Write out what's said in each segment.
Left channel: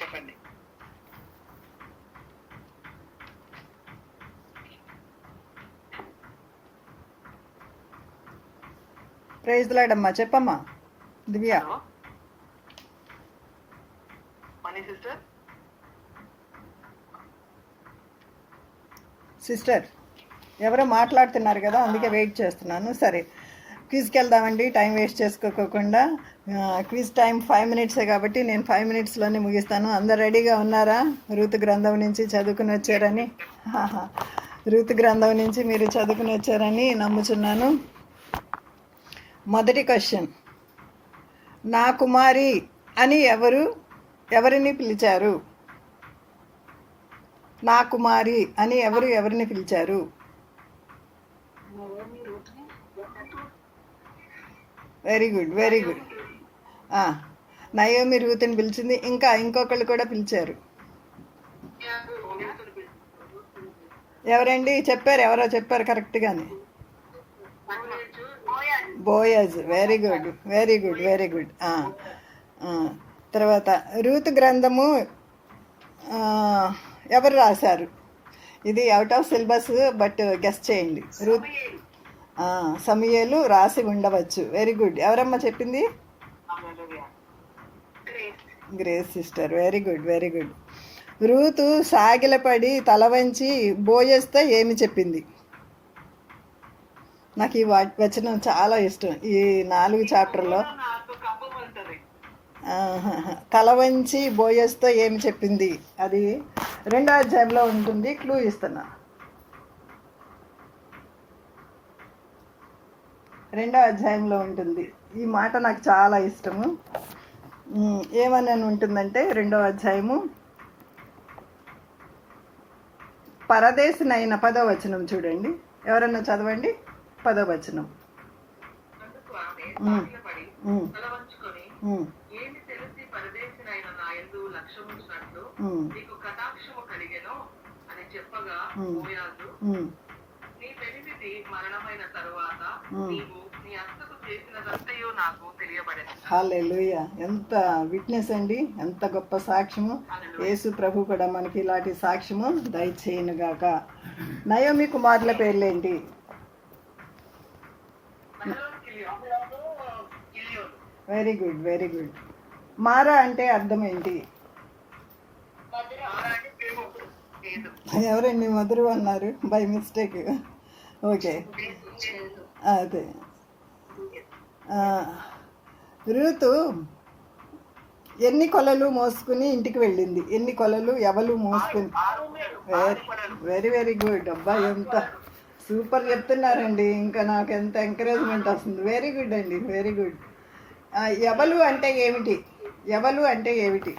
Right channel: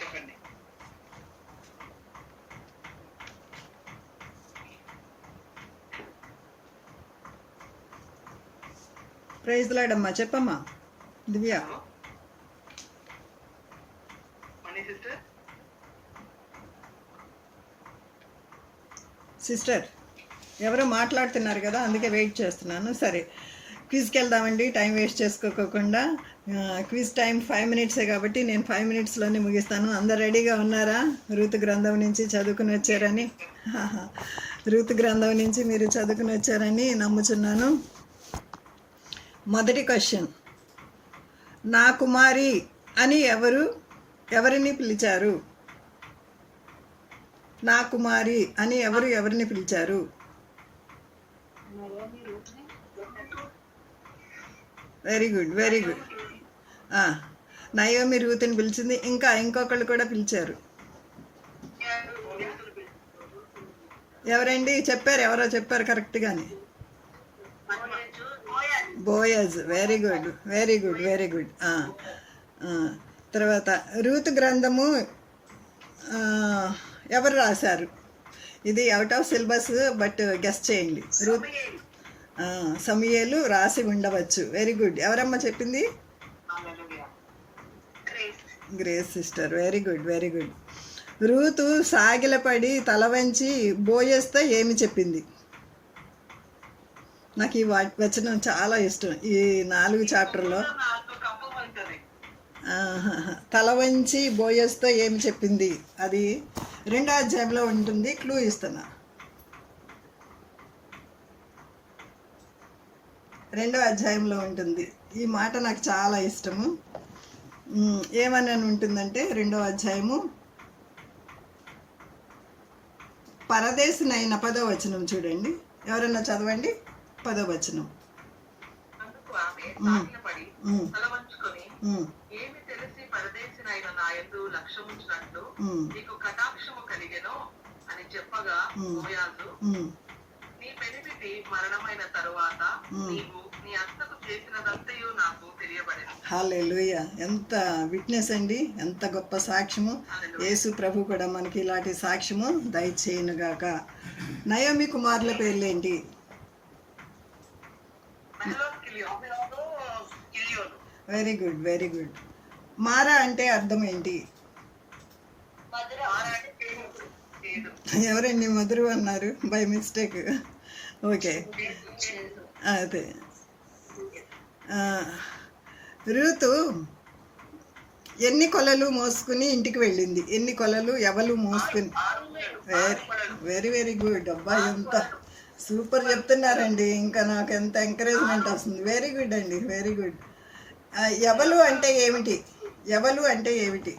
చెప్పండి. Praise lord అమ్మా, చెప్పమ్మా దివ్య. సిస్టర్ ఎవరో మాట్లాడుతున్నారు కదా, అందుకే వెయిట్ చేస్తున్నాను. సరే, క్విజ్కి వెళ్దామండి, టైం వేస్ట్ చేసుకోకుండా. క్విజ్ టైం 5 minutes కాబట్టి నేను 5 minutesలోనే ముగిస్తాను. అందరు రెడీగా ఉన్నారా? ఋతు గ్రంథం నుంచి చదువుకుని వచ్చారని, ఋతు గ్రంథం నుంచి మీరు చదువుకుని వచ్చారని నమ్ముచున్నాను. మొదటి క్వశ్చన్, నా కుమారి అని ఎవరిని పిలిచారు? నా కుమారి అని ఎవరిని పిలిచారు? Very good, very good. Naomi రూతుని పిలిచింది. ఇంకొకళ్ళు కూడా పిలిచారు. ఎవరండి చెప్పారు? ఎవరో చెప్పారు కరెక్ట్గానే. Boaz. Very good, very good, very good. తర్వాత రూతు గ్రంథము ఎవరు రాశారు? ఇది out of syllabus, but guess చేయండి. సమూయేలు రాసి ఉండవచ్చు. Very good. ఎవరమ్మా చెప్పింది? Grace sister. Very good, very good. Ruth సాగిలపడి తల వంచి బోయస్తో ఏమి చెప్పింది? నాకు ఈ వచనం చాలా ఇష్టం. ఈ 4 చాప్టర్లో తల వంచి బోయస్తో ఏమి చెప్పింది? అది 2వ అధ్యాయంలో ఉంటుంది. క్లూ ఇస్తున్నా. 2వ అధ్యాయంలో ఉంటుంది. ఈ మాట నాకు చాలా ఇష్టము. ఏమని ఉంటుందంటే 2వ అధ్యాయము పరదేశినైన 10వ వచనం చూడండి. ఎవరన్నా చదవండి 10వ వచనం. హల్లెలూయా. ఎంత విట్నెస్ అండి, ఎంత గొప్ప సాక్ష్యము. యేసు ప్రభు కూడా మనకి ఇలాంటి సాక్ష్యము దయచేయునుగాక. నయోమి కుమారుల పేర్లేంటి? Very good, very good. Mara అంటే అర్థం ఏంటి? ఎవరండి మధురు అన్నారు? By mistake. ఓకే, అదే. రూతు ఎన్ని కొలలు మోసుకుని ఇంటికి వెళ్ళింది? ఎన్ని కొలలు ఎవరు మోసుకుని? Very very good. అబ్బా, ఎంత సూపర్ చెప్తున్నారండి. ఇంకా నాకు ఎంత ఎంకరేజ్మెంట్ వస్తుంది. వెరీ గుడ్ అండి, వెరీ గుడ్. ఎవలు అంటే ఏమిటి? ఎవలు అంటే ఏమిటి?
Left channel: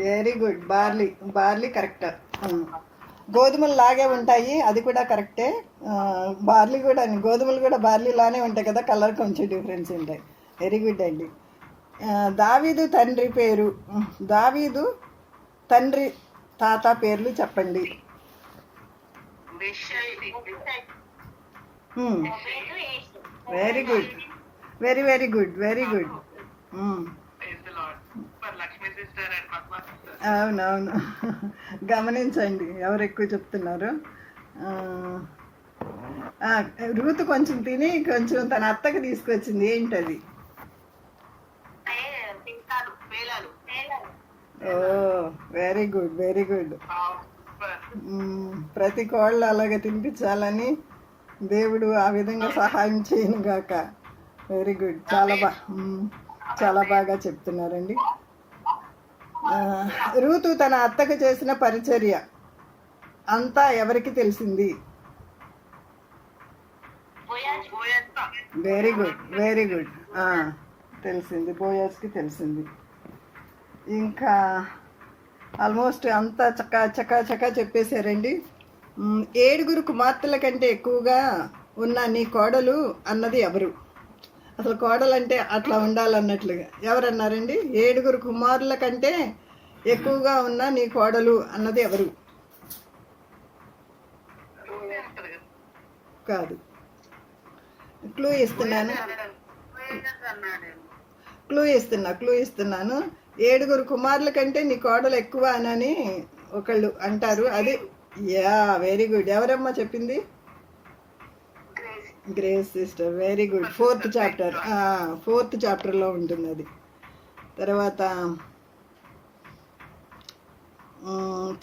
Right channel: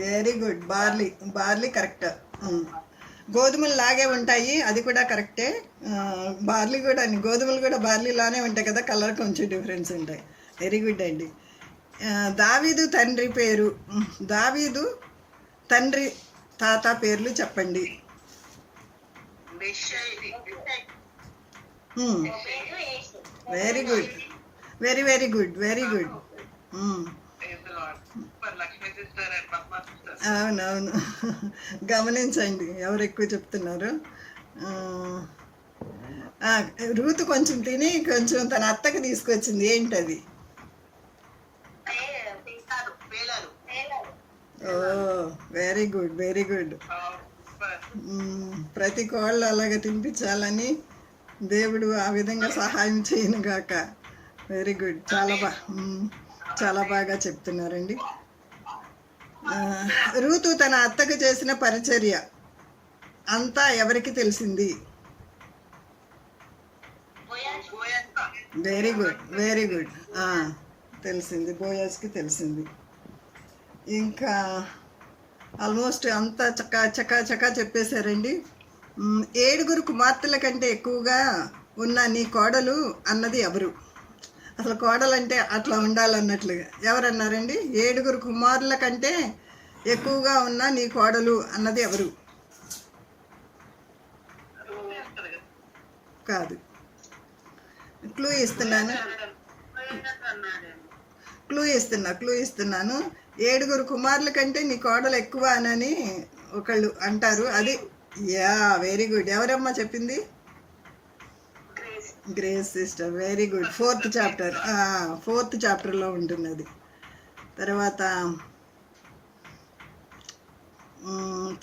Very good. Barley. Barley correct. గోధుమలు లాగే ఉంటాయి, అది కూడా కరెక్టే. బార్లీ కూడా, గోధుమలు కూడా బార్లీలానే ఉంటాయి కదా, కలర్ కొంచెం డిఫరెన్స్ ఉంటాయి. వెరీ గుడ్ అండి. దావీదు తండ్రి పేరు, దావీదు తండ్రి తాత పేర్లు చెప్పండి. Very good, very very good, very good. అవునవును, గమనించండి ఎవరు ఎక్కువ చెప్తున్నారు. రూతు కొంచెం తిని కొంచెం తన అత్తకి తీసుకొచ్చింది. ఏంటది? ఓ, వెరీ గుడ్, వెరీ గుడ్. ప్రతి కోళ్ళు అలాగే తినిపించాలని దేవుడు ఆ విధంగా సహాయం చేయనుగాక. Very good. చాలా బాగా చెప్తున్నారండి. రూతు తన అత్తకు చేసిన పరిచర్య అంతా ఎవరికి తెలిసింది? Very good, very good. తెలిసింది, బోయాజ్కి తెలిసింది. ఇంకా ఆల్మోస్ట్ అంతా చకా చెప్పేశారండి. 7 కుమార్తెల కంటే ఎక్కువగా ఉన్న నీ కోడలు అన్నది ఎవరు? అసలు కోడలంటే అట్లా ఉండాలన్నట్లుగా ఎవరన్నారండి? 7 కుమారుల కంటే ఎక్కువగా ఉన్న నీ కోడలు అన్నది ఎవరు? కాదు. క్లూ ఇస్తున్నాను, క్లూ ఇస్తున్నాను. 7 కుమారుల కంటే నీ కోడలు ఎక్కువ అని ఒకళ్ళు అంటారు. అది యా, వెరీ గుడ్. ఎవరమ్మా చెప్పింది? Grace sister, very good. 4th chapter, 4th చాప్టర్లో ఉంటుంది అది. తర్వాత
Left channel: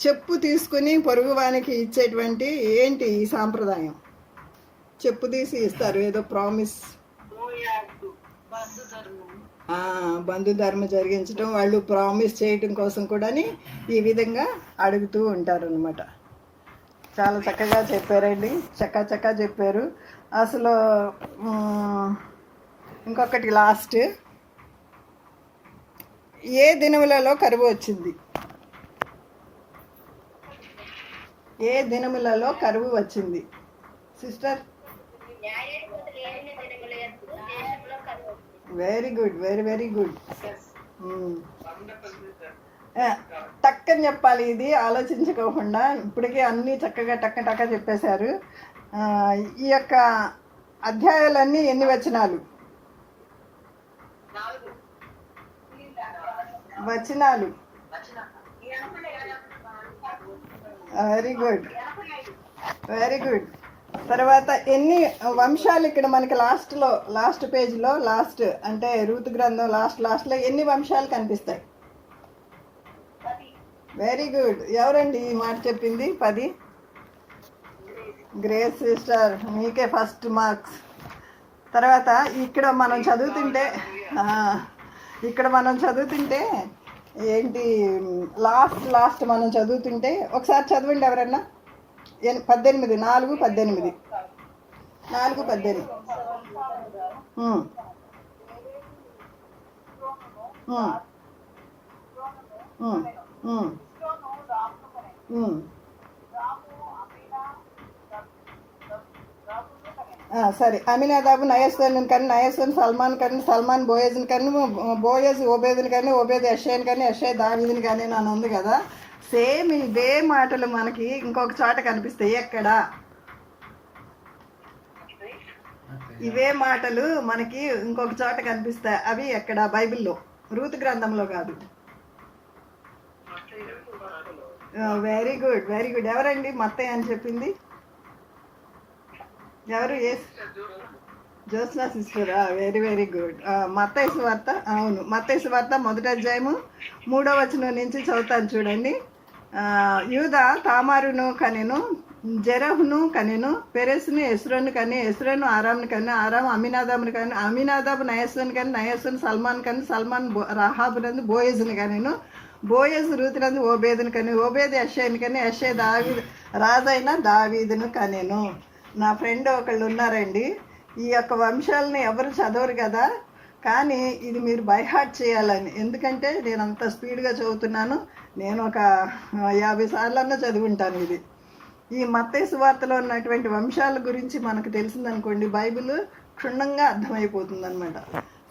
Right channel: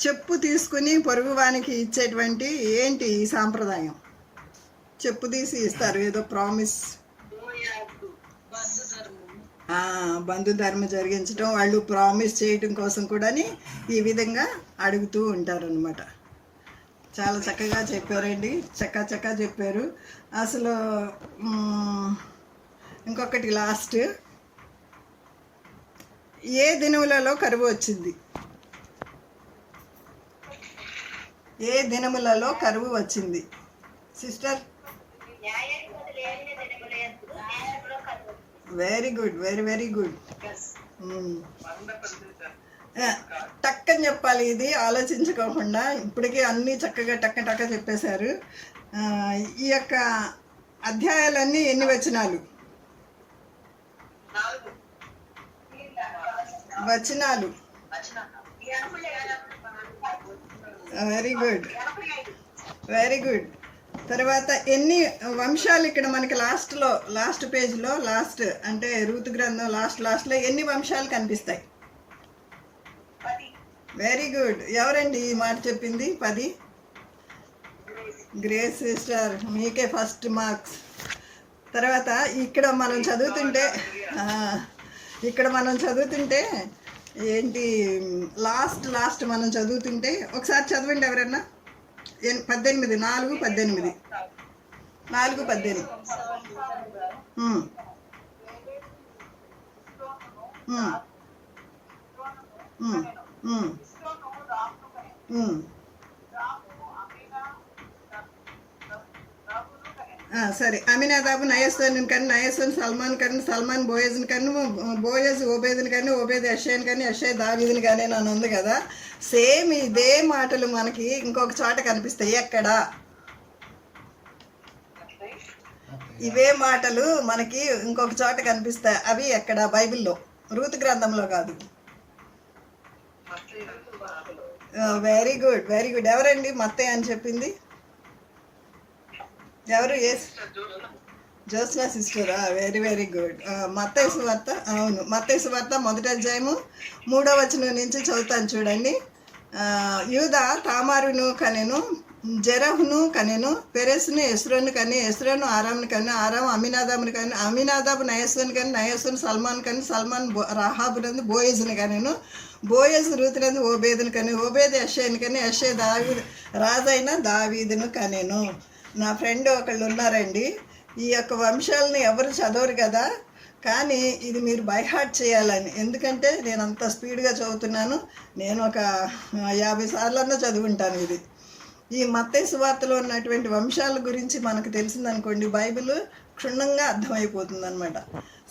చెప్పు తీసుకుని పొరుగువానికి ఇచ్చేటువంటి ఏంటి ఈ సాంప్రదాయం? చెప్పు తీసి ఇస్తారు, ఏదో ప్రామిస్. బంధుధర్మం జరిగించడం, వాళ్ళు ప్రామిస్ చేయటం కోసం కూడా ఈ విధంగా అడుగుతూ ఉంటారు అనమాట. చాలా చక్కగా చెప్పారండి, చక్కా చెప్పారు అసలు. ఇంకొకటి లాస్ట్, ఏ దినములలో కరువు వచ్చింది? ఏ దినములలో కరువు వచ్చింది sister? Very good, very good. టక్కని చెప్పాలి, ఇది ఆలోచించుకోకుండా. ఇప్పటికే అన్నీ చక్కగా టక్క చెప్పేశారు. ఈ యొక్క అధ్యాయాలన్నీ ఎన్ని వచనాలు? వచనాలు. Very good. తర్వాత ఎన్ని వంశాలు ఇక్కడ మనకి లాస్ట్ పేజ్లో, లాస్ట్ అంటే రూతు గ్రంథం లాస్ట్లో ఎన్ని వంశాలు కనిపిస్తాయి? Very good. ఎవరండి ఈ మాట చెప్పింది? 10. గ్రేస్ సిస్టర్, మీకే ఫస్ట్ మార్క్స్. తర్వాత ఇక్కడ మనం చదువుతుంటే ఏంటి లాస్ట్ మనం చదువుతుంటే ఒకసారి చదవండి ఎవరన్నా. 18, 4:18. సరే. అమినాదాబు నయస్సోను కన్ను, నయస్సోను సల్మాన్ కన్ను, సల్మాన్ బోయేజ్ని కన్ను, బోయేజ్ ఓబేద్ని కన్ను, ఓబేద్ యెషయని కన్ను, యెషయ్ దావీదుని కానీ అని ఉంది కదా. సేమ్ ఇదే మాటలు మనకి ఇంకొక చోట కనిపిస్తాయి. ఎక్కడ? ఇవే మాటలు మనకి ఇంకొక చోట కనిపిస్తాయి. అవి ఎక్కడ? బైబిల్లో, రూతు గ్రంథంలో కాదు. Very good. ఎవరండి మత్తయి అని చెప్పింది? ఎవరు? జ్యోత్స్నా సిస్టరా? Very good. మత్తయి సువార్త. అవును, మత్తయి సువార్త 1వ అధ్యాయము 3వ వచనం నుంచి చదువుతాను చూడండి. యూదా తామారును కనెను, జెరహును కనెను, పెరెస్ను ఎస్రోను కని, ఎస్రోను ఆరామును కని, ఆరాము అమినాదాబుని కని, అమినాదాబు నయస్సుని కని, నయస్సును సల్మాన్ కని, సల్మాన్ రాహాబునందు బోయేజుని కనెను, బోయేజు రూతునందు ఓబేదుని కని, ఓబేదు యెషయని కని, యెషయ్ రాజైన దావీదును కనెను. నా ఫ్రెండ్ ఒకళ్ళు ఉన్నారండి, ఈ యొక్క వంశాలను ఎవరు చదవరు కదా, కానీ ఇది మీరు బై హార్ట్ చేయాలని. ఎందుకంటే నేను అంత స్పీడ్గా చదువుతున్నాను. నేను ఒక 50 సార్లన్నా చదువుంటాను ఇది. ఈ మత్తయి సువార్తలో ఉన్నటువంటి వంశాల గురించి మనకు తెలిసిందనుకోండి, బైబిల్ క్షుణ్ణంగా అర్థమైపోతుంది అనమాట.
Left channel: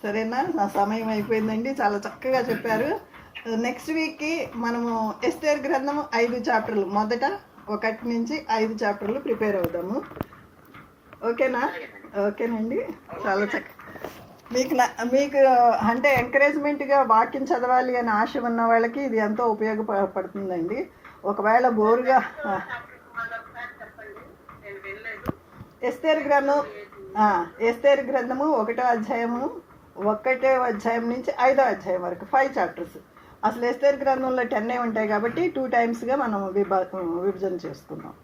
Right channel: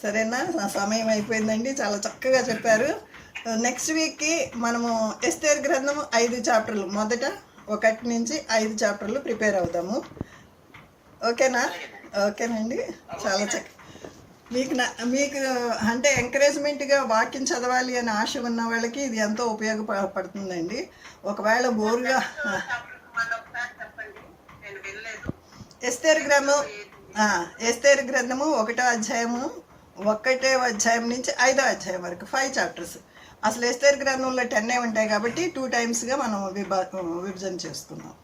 సరేనా? సమయం అయిపోయిందండి. చాలా చక్కగా చెప్పారు. నెక్స్ట్ వీక్కి మనము ఎస్తేర్ గ్రంథం 5 చాప్టర్లు, మొదట 1 నుంచి 5 చాప్టర్లు ప్రిపేర్ అవుతాము. ఓకేనండి. చాలా మీకు అంటే ఎంకరేజ్మెంట్గా వాక్యం చదవాలి అని ఆశ ఉన్న వాళ్ళకి ఇది ఎంతో ఉపయోగపడుతుందండి. ఒకవేళ బోరుగా ఎస్తేర్ గ్రంథము 1వ అధ్యాయం నుంచి 5వ అధ్యాయం వరకు 5 చాప్టర్స్. అసలు ఎస్తేర్ గ్రంథంలో 10 ఉంటాయి కాబట్టి 2 టైమ్స్గా మనం విభజన చేసుకున్నాం.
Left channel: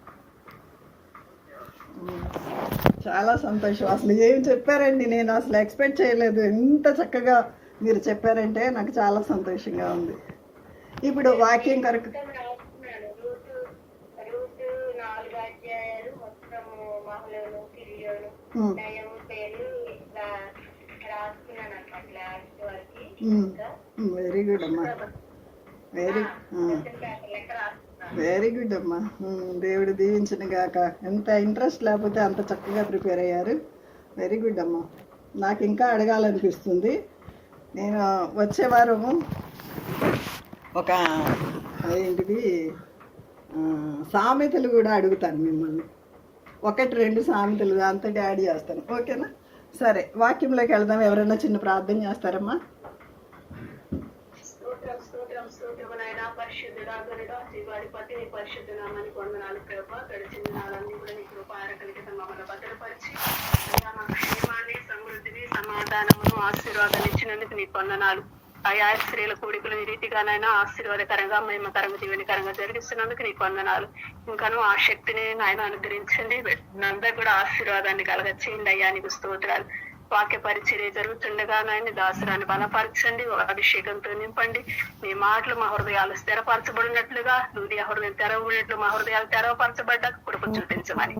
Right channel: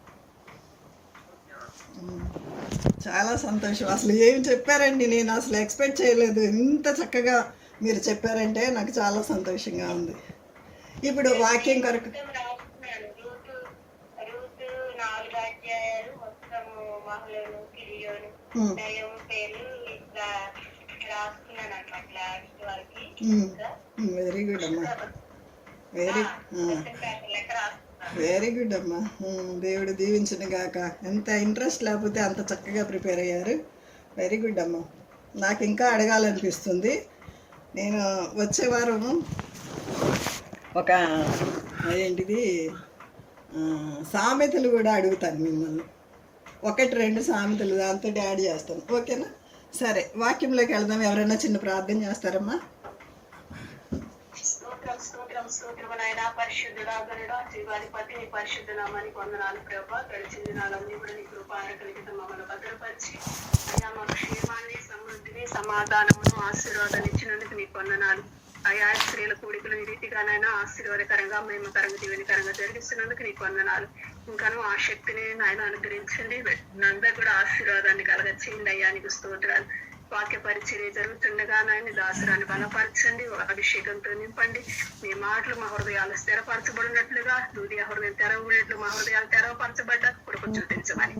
చాలా సంతోషం. అసలు ఏం చెప్పారండి, నేను అసలు ఎక్స్పెక్ట్ చేయలేదు. ఇంత చక్కగా మీరు చెప్పారంటే నాకు చాలా సంతోషంగా ఉంది. ఇప్పుడు వాక్యం కొరకు వెరీ గుడ్ అమ్మా. వెరీ గుడ్ అమ్మా. దేవుడు దీవించిన గాక. ఎంత ఇంట్రెస్ట్ లేకపోతే అంత చక్కగా ప్రిపేర్ అయ్యారు. వెరీ గుడ్ అమ్మా. నాకు ఇంకా అడగాలనిపిస్తుంది. నేను వచ్చే వారం ఒక ఏంటిది సామెతలు కూడా అడుగుతాను మిమ్మల్ని. ఒకటి రెండు సామెతలు దాంతో యాడ్ చేస్తాను, ఓకేనా? సరే, వాక్యంలోకి వెళ్దాం. ఎవరైనా చిన్న ప్రార్థన చేస్తారమ్మా? స్తోత్రమునైనా పరిశుద్ధుడా గరుడా జీవాధిపతి నీ పరిశుద్ధ నామానికి వందనాలు ప్రభా. గడిచిన దినాలన్నీ కూడా నీ కృపార కలిగిన మమ్మల్ని భద్రపరిచి అయ్యా మాకు క్షేమాన్ని, సమృద్ధిని, సమాధానమును, ఆశీర్వాదాలు ఇచ్చినందుకు నీకు వందనాలు. అయా స్త్రీల కూడికలు ఈ రీతిగానైనా ఆశీర్వాదకరంగా, మహిమకరంగా, దీవెనకరంగా జరిగిస్తున్నందుకు నీకు వందనాలు. ఇంకాను ఆ శక్తిని నాయన అనుగ్రహించండి. అందరూ కూడా ఆశీర్వాదాన్ని కలగచేయండి అయ్యా, నీకు స్తోత్రాలు. వాక్య పరిచర్య జరుగుతుండగా నాయన దాసరాన్ని బలపరచండి, అభిషేకంతో నింపండి. మీ మాటలు మా హృదయాలు స్థిరపరచబడినట్లుగా, దూది హృదయం తెరవబడినట్లు మా హృదయాలు తెరవపరచబడ్డాక కృప చూపించమని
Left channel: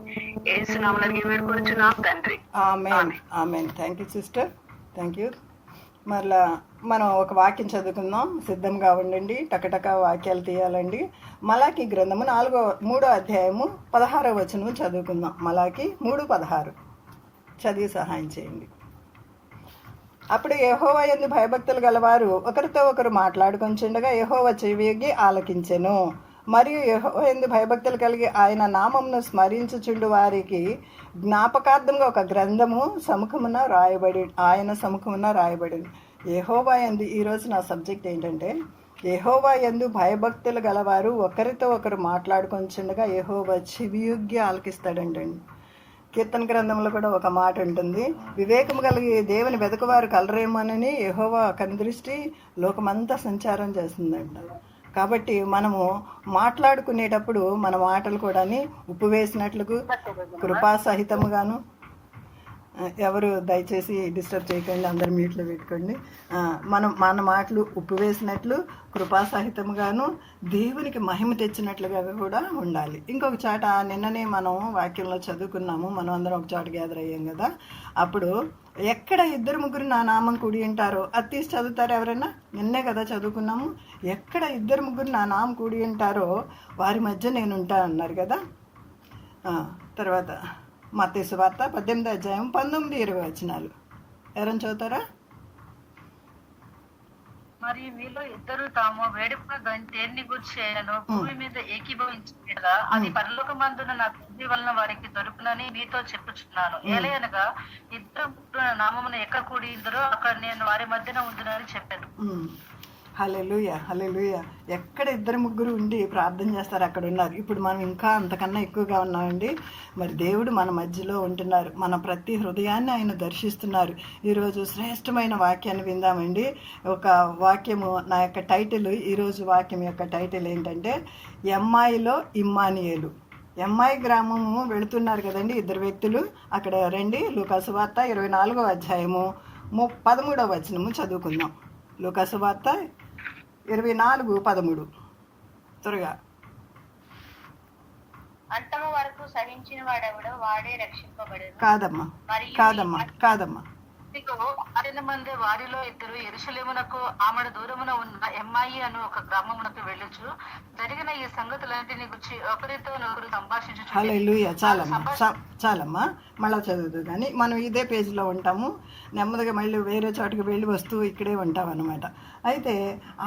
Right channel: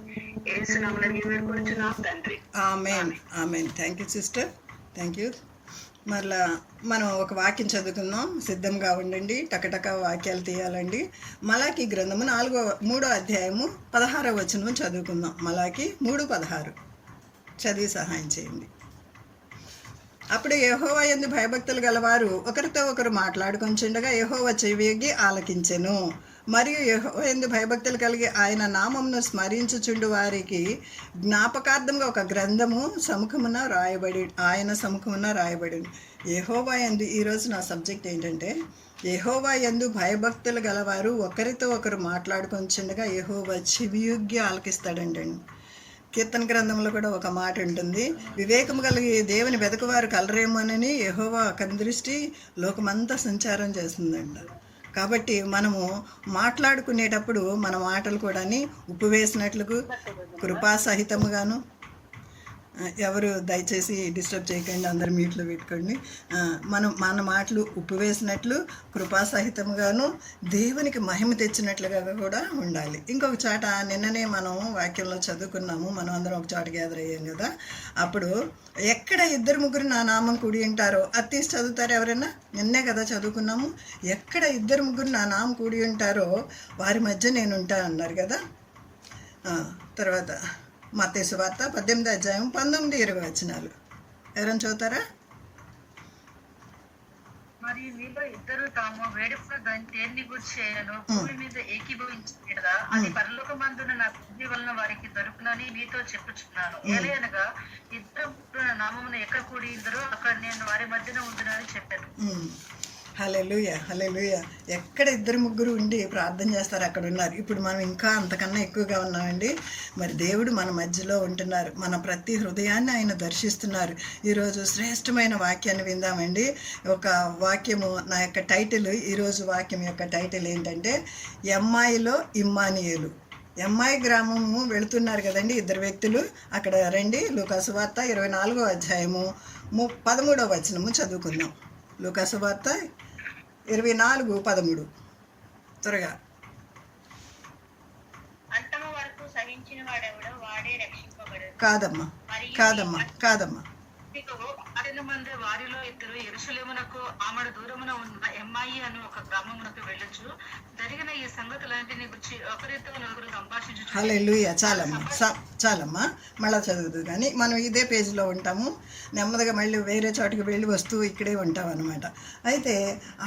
యేసునామములో వేడుకొనుచున్నాం తండ్రి. Amen, amen. Thank you sister, thank you. మరలా మనం ఒక వాక్యం చదువుకుందాం, సిద్ధంగా ఉండండి. టకటక వాక్యాలు తీయాలండి. మలాకి గ్రంథము 3వ అధ్యాయము 16వ వచనం చదువుకుందాం. మలాకి 3:16 చదివి సహాయం చేయండి. అప్పుడు యెహోవా యందు భయభక్తులు గలవారు ఒకరితో ఒకరు మాట్లాడుకొంచుండగా యెహోవా చెవియొగ్గి ఆలకించెను. మరియు యెహోవా యందు భయభక్తులు కలిగి ఆయన నామమును స్మరించుచుండు వారికి జ్ఞాపకార్థంగా ఒక గ్రంథము ఆయన సముఖమున రాయబడింది. యెహోవా యందు, ఈరోజు నా సబ్జెక్ట్ ఏంటంటే, యెహోవా యందు భయభక్తులు గలవారు ఒకరితో ఒకరు మాట్లాడుకొంచుండగా యెహోవా చెవియొగ్గి ఆలకిస్తాడండి. కీర్తన గ్రంథంలో కూడా ఒక మాట ఉంటుంది, వివేకము కలిగి దేవుని వెతకువారు కలరేమోనని యెహోవా కనుదృష్టి లోకమంతా సంచారం చేస్తుందంట. కాబట్టి మనము మాట్లాడుకునేటప్పుడు మన మాటలు కూడా ఉప్పు వేసినట్లుగా కృపాసహితముగాను, ఎవరు దయచేసి డిస్టర్బ్ చేయకండి, అందరు మ్యూట్లో పెట్టుకోండి. మన మాటలు ఉప్పు వేసినట్లు కృపాసహితముగాను దేవునికి మహిమ తెచ్చినట్లుగా కూడా ఉండాలి. ఇంకొక చాట నిన్ననే మనం వాక్యంలో చదువుకున్నాము, మనం అందరం ఒక చోట గ్యాదర్ అయ్యాం కదా. అప్పుడు ఎక్కడ 2-3 నా నామం కూడి ఉంటారో అది తీసి చదువుతారు ఎవరైనా? నిన్నే కదా చదువుకున్నాము. ఎక్కడ 2-3 నా నామం కూడి ఉంటారో వారి మధ్య నేను ఉంటా అన్నారు కదా. తర్వాత మత్తయి సువార్త 18వ అధ్యాయం 19-20 వచనాలు ఎవరైనా చదువుతారా? మరియు మీలో ఇద్దరు తాము వేడుకున్న దేన్ని గురించి చేయను భూమి మీద ఏకీభవించగా అది పరలోకమందున నా తండ్రి వలన వారికి దొరుకునని నీతో చెప్పుచున్నాను. ఏలయనగా ఇద్దరు నామమున ఎక్కడ కూడి ఇద్దరు అక్కడ నేను వారి మధ్యన ఉండునని చెప్పాను. హల్లెలూయా, హల్లెలూయా. ఎక్కడ 2-3 ఉండి ప్రార్థన చేస్తారు అక్కడ ఉన్నారు. ఇప్పుడు మనం ఇంకా అంతకన్నా ఎక్కువగా ఉన్నామండి. మరి దేవుడు మన మధ్యలో ఉంటున్నారు, మన ప్రతి హృదయాన్ని ఆయన దర్శిస్తున్నారు. ఈరోజు శ్రేష్టమైన వాక్యాన్ని విందామండి. ఒక వాక్యము, నా యొక్క టైటిల్, ఈరోజు వాక్యం యొక్క టైటిల్ ఏంటంటే, ఎమ్మాయిలో ఇమ్మానియేలు. ఎమ్మాయి గ్రామము వెళుతున్నారు కదండి 2 వ్యక్తులు. అక్కడ రండి, లూకాసు వార్త 24వ అధ్యాయము 13వ వచనము చదువుకుందాం. లూకాసు వార్త 24:13 త్వరగా. అంతము వరకు సహించిన వాడెవడో వాడే రక్షింపబడు. కాదమ్మా. మంది వారిలో ఇద్దరు యెరూషలేమునకు ఆమడ దూరమున ఉన్న ఎమ్మాయి అను ఒక గ్రామమునకు వెళ్ళొచ్చు. జరిగిన ఈ సంగతులన్నిటిని గురించి ఒకరితో నలుగురు సంభాషించు. హల్లెలూయా. చాలమ్మా, మళ్ళా చదువుదు కానీ మనం ఇదే పేజీలో ఉంటాము. నెమ్మదిగా మళ్ళీ వేరే చోటుకి వెళ్ళి వస్తూ ఇక్కడే ఉంటాం అన్నమాట. అయితే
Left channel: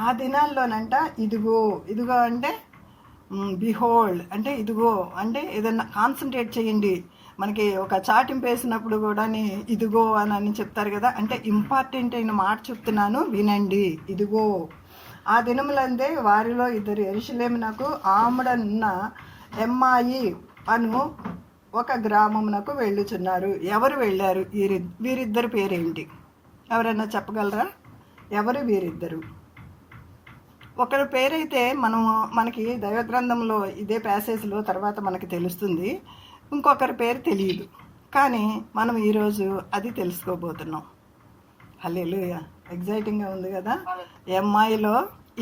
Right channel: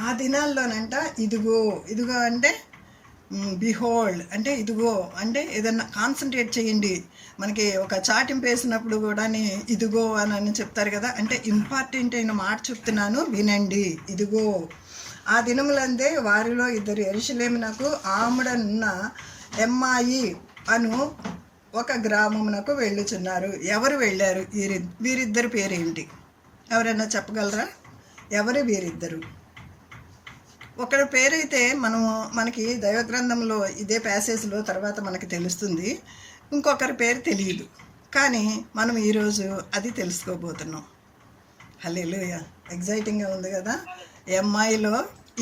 ఆ దినాల్లోనంట ఇదిగో అంటే బిహోల్డ్ అంటే ఇదిగో అంటే ఏదన్నా కాన్సన్ట్రేట్ చేయండి. మనకి ఒక చాటింపు వేసినప్పుడు కూడా ఇదిగో అని చెప్తారు కదా, అంటే ఇంపార్టెంట్ అయిన మాట చెప్తున్నాను వినండి. ఇదిగో ఆ దినములందే వారిలో ఇద్దరు యెరూషలేమునకు ఆమడనున్న ఎమ్మాయి అను ఒక గ్రామమునకు వెళ్ళుచున్నారు. ఎవరు వెళ్ళారు? వీరిద్దరు పేరేంటి? ఎవరైనా చెప్పగలరా? ఎవరు వీరిద్దరు? ఒకరి పేరైతే మనకి దైవగ్రంథంలో ఇదే ప్యాసేజ్లో తర్వాత మనకి తెలుస్తుంది, ఇంకొకరి పేరు తెలియదు. కానీ మనం ఈరోజు అది తెలుసుకోబోతున్నాం. హల్లెలూయా, ఎగ్జైటింగ్గా ఉంది కదా. ఎమ్మాయిలో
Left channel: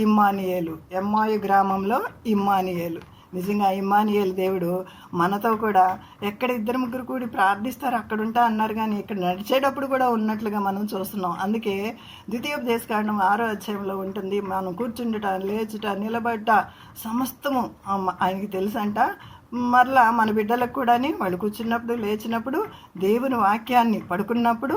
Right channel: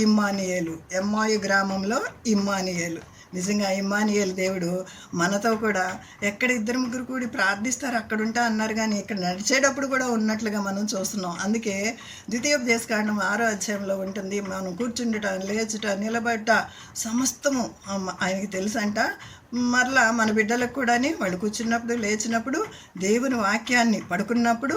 ఇమ్మానియేలు, ఎమ్మాయి గ్రామంలో ఇమ్మానియేలు. నిజంగా ఇమ్మానియేలు దేవుడు మనతో కూడా ఎక్కడ 2-3 కూడి ప్రార్థిస్తారు అక్కడ ఉంటా అన్నారు, కానీ ఇక్కడ నడిచేటప్పుడు కూడా ఉన్నట్లుగా మనం చూస్తున్నాం. అందుకే ద్వితీయోపదేశకాండం 6వ అధ్యాయంలో ఉంటుంది, మనం కూర్చుండుట, లేచుట, నిలబడ్డ సమస్తము ఆయనకి తెలుసంట. మరలా మన బిడ్డలకు కూడాని వాళ్ళు కూర్చున్నప్పుడు లేచినప్పుడు దేవుని వాక్యాన్ని పడుకున్నప్పుడు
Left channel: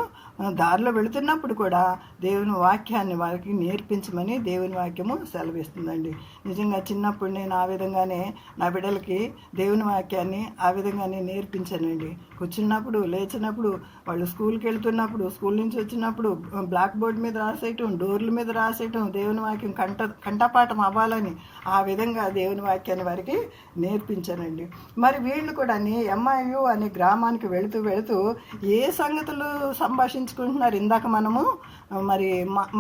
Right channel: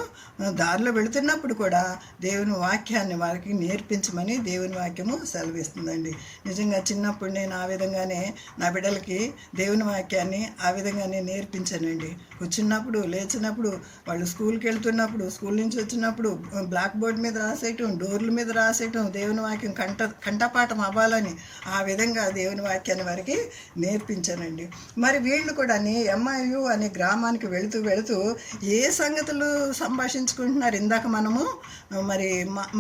దారిలో వెళుతున్నప్పుడు కూడా దేవుని వాక్యాన్ని వారికి నేర్పించమని దేవుని వాక్యము సెలవిస్తుందండి. నిజంగా చిన్నప్పుడు నేను ఆ విధంగానే నా బిడ్డలకి దేవుని వాక్యాన్ని ఆ విధంగానే నేర్పించానండి. కూర్చున్నప్పుడు లేచినప్పుడు వాళ్ళు స్కూల్కి వెళ్తున్నప్పుడు స్కూల్ నుంచి వచ్చినప్పుడు బ్లాక్ బోర్డ్ మీద రాసేయటం, డోర్ల మీద రాసేయటం, దేవుని వాక్యం కంఠపాఠం అవ్వాలని ఆ విధంగా దేవుని వాక్యాన్ని వారికి నేర్పించానండి. మరి వీళ్ళు కూడా ఎంఐయు అనే గ్రామానికి వెళుతూ ఏ సంగతులు సంభాషించుకుంటున్నారు. ఇందాక మనము మరి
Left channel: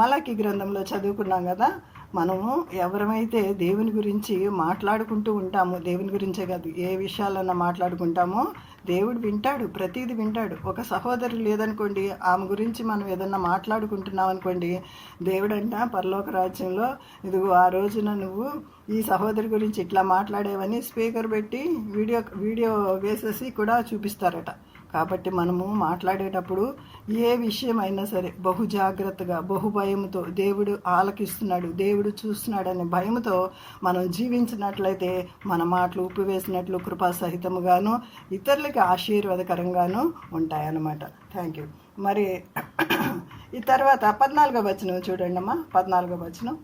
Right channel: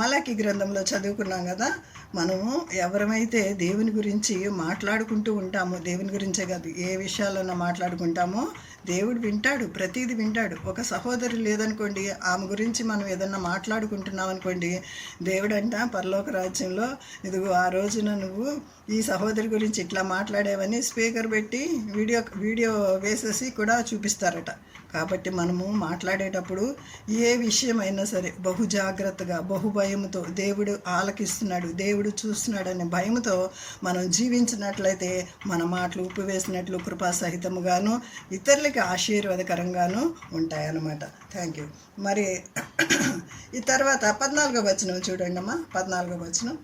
మలాకి గ్రంథంలో చదువుకున్నాం కదా, మనము ఎవరమైతే దేవుని గురించి మాట్లాడుకుంటూ ఉంటామో, దేవుని గురించే కాదు ఏ విషయాలన్నా మాట్లాడుకుంటామో దేవుడు వింటాడు, ప్రతిదీ వింటాడు. ఒక సహోదరి లేదనుకోండి, ఆమె గురించి మనం ఏదన్నా మాట్లాడుకుంటున్నాం అనుకోండి, దేవుడు అంట పరలోక రాజ్యంలో ఇదిగో ఆ రోజున నువ్వు ఈ సహోదరి గురించి ఇట్లా మాట్లాడేవని స్పీకర్ పెట్టి వీడియో వేసేసి కూడా చూపిస్తారట. కాబట్టి మనము మాట్లాడేటప్పుడు ఏ విషయమైనా సరే బహు జాగ్రత్తగా, బహు భయంతో, దేవుడు ఆలకిస్తున్నాడు, దేవుడు చూస్తున్నాడు అనే భయంతో మనం జీవించినట్లయితే మన మాటలు ఉప్పు వేసినట్లు కృపాసహితముగాను ఇతరులకి ఆశీర్వాదకరంగాను ఉంటాయన్నమాట. Thank you. మరి ఈ తర్వాత 14వ వచనం చూడండి అమ్మా. 14వ వచనం,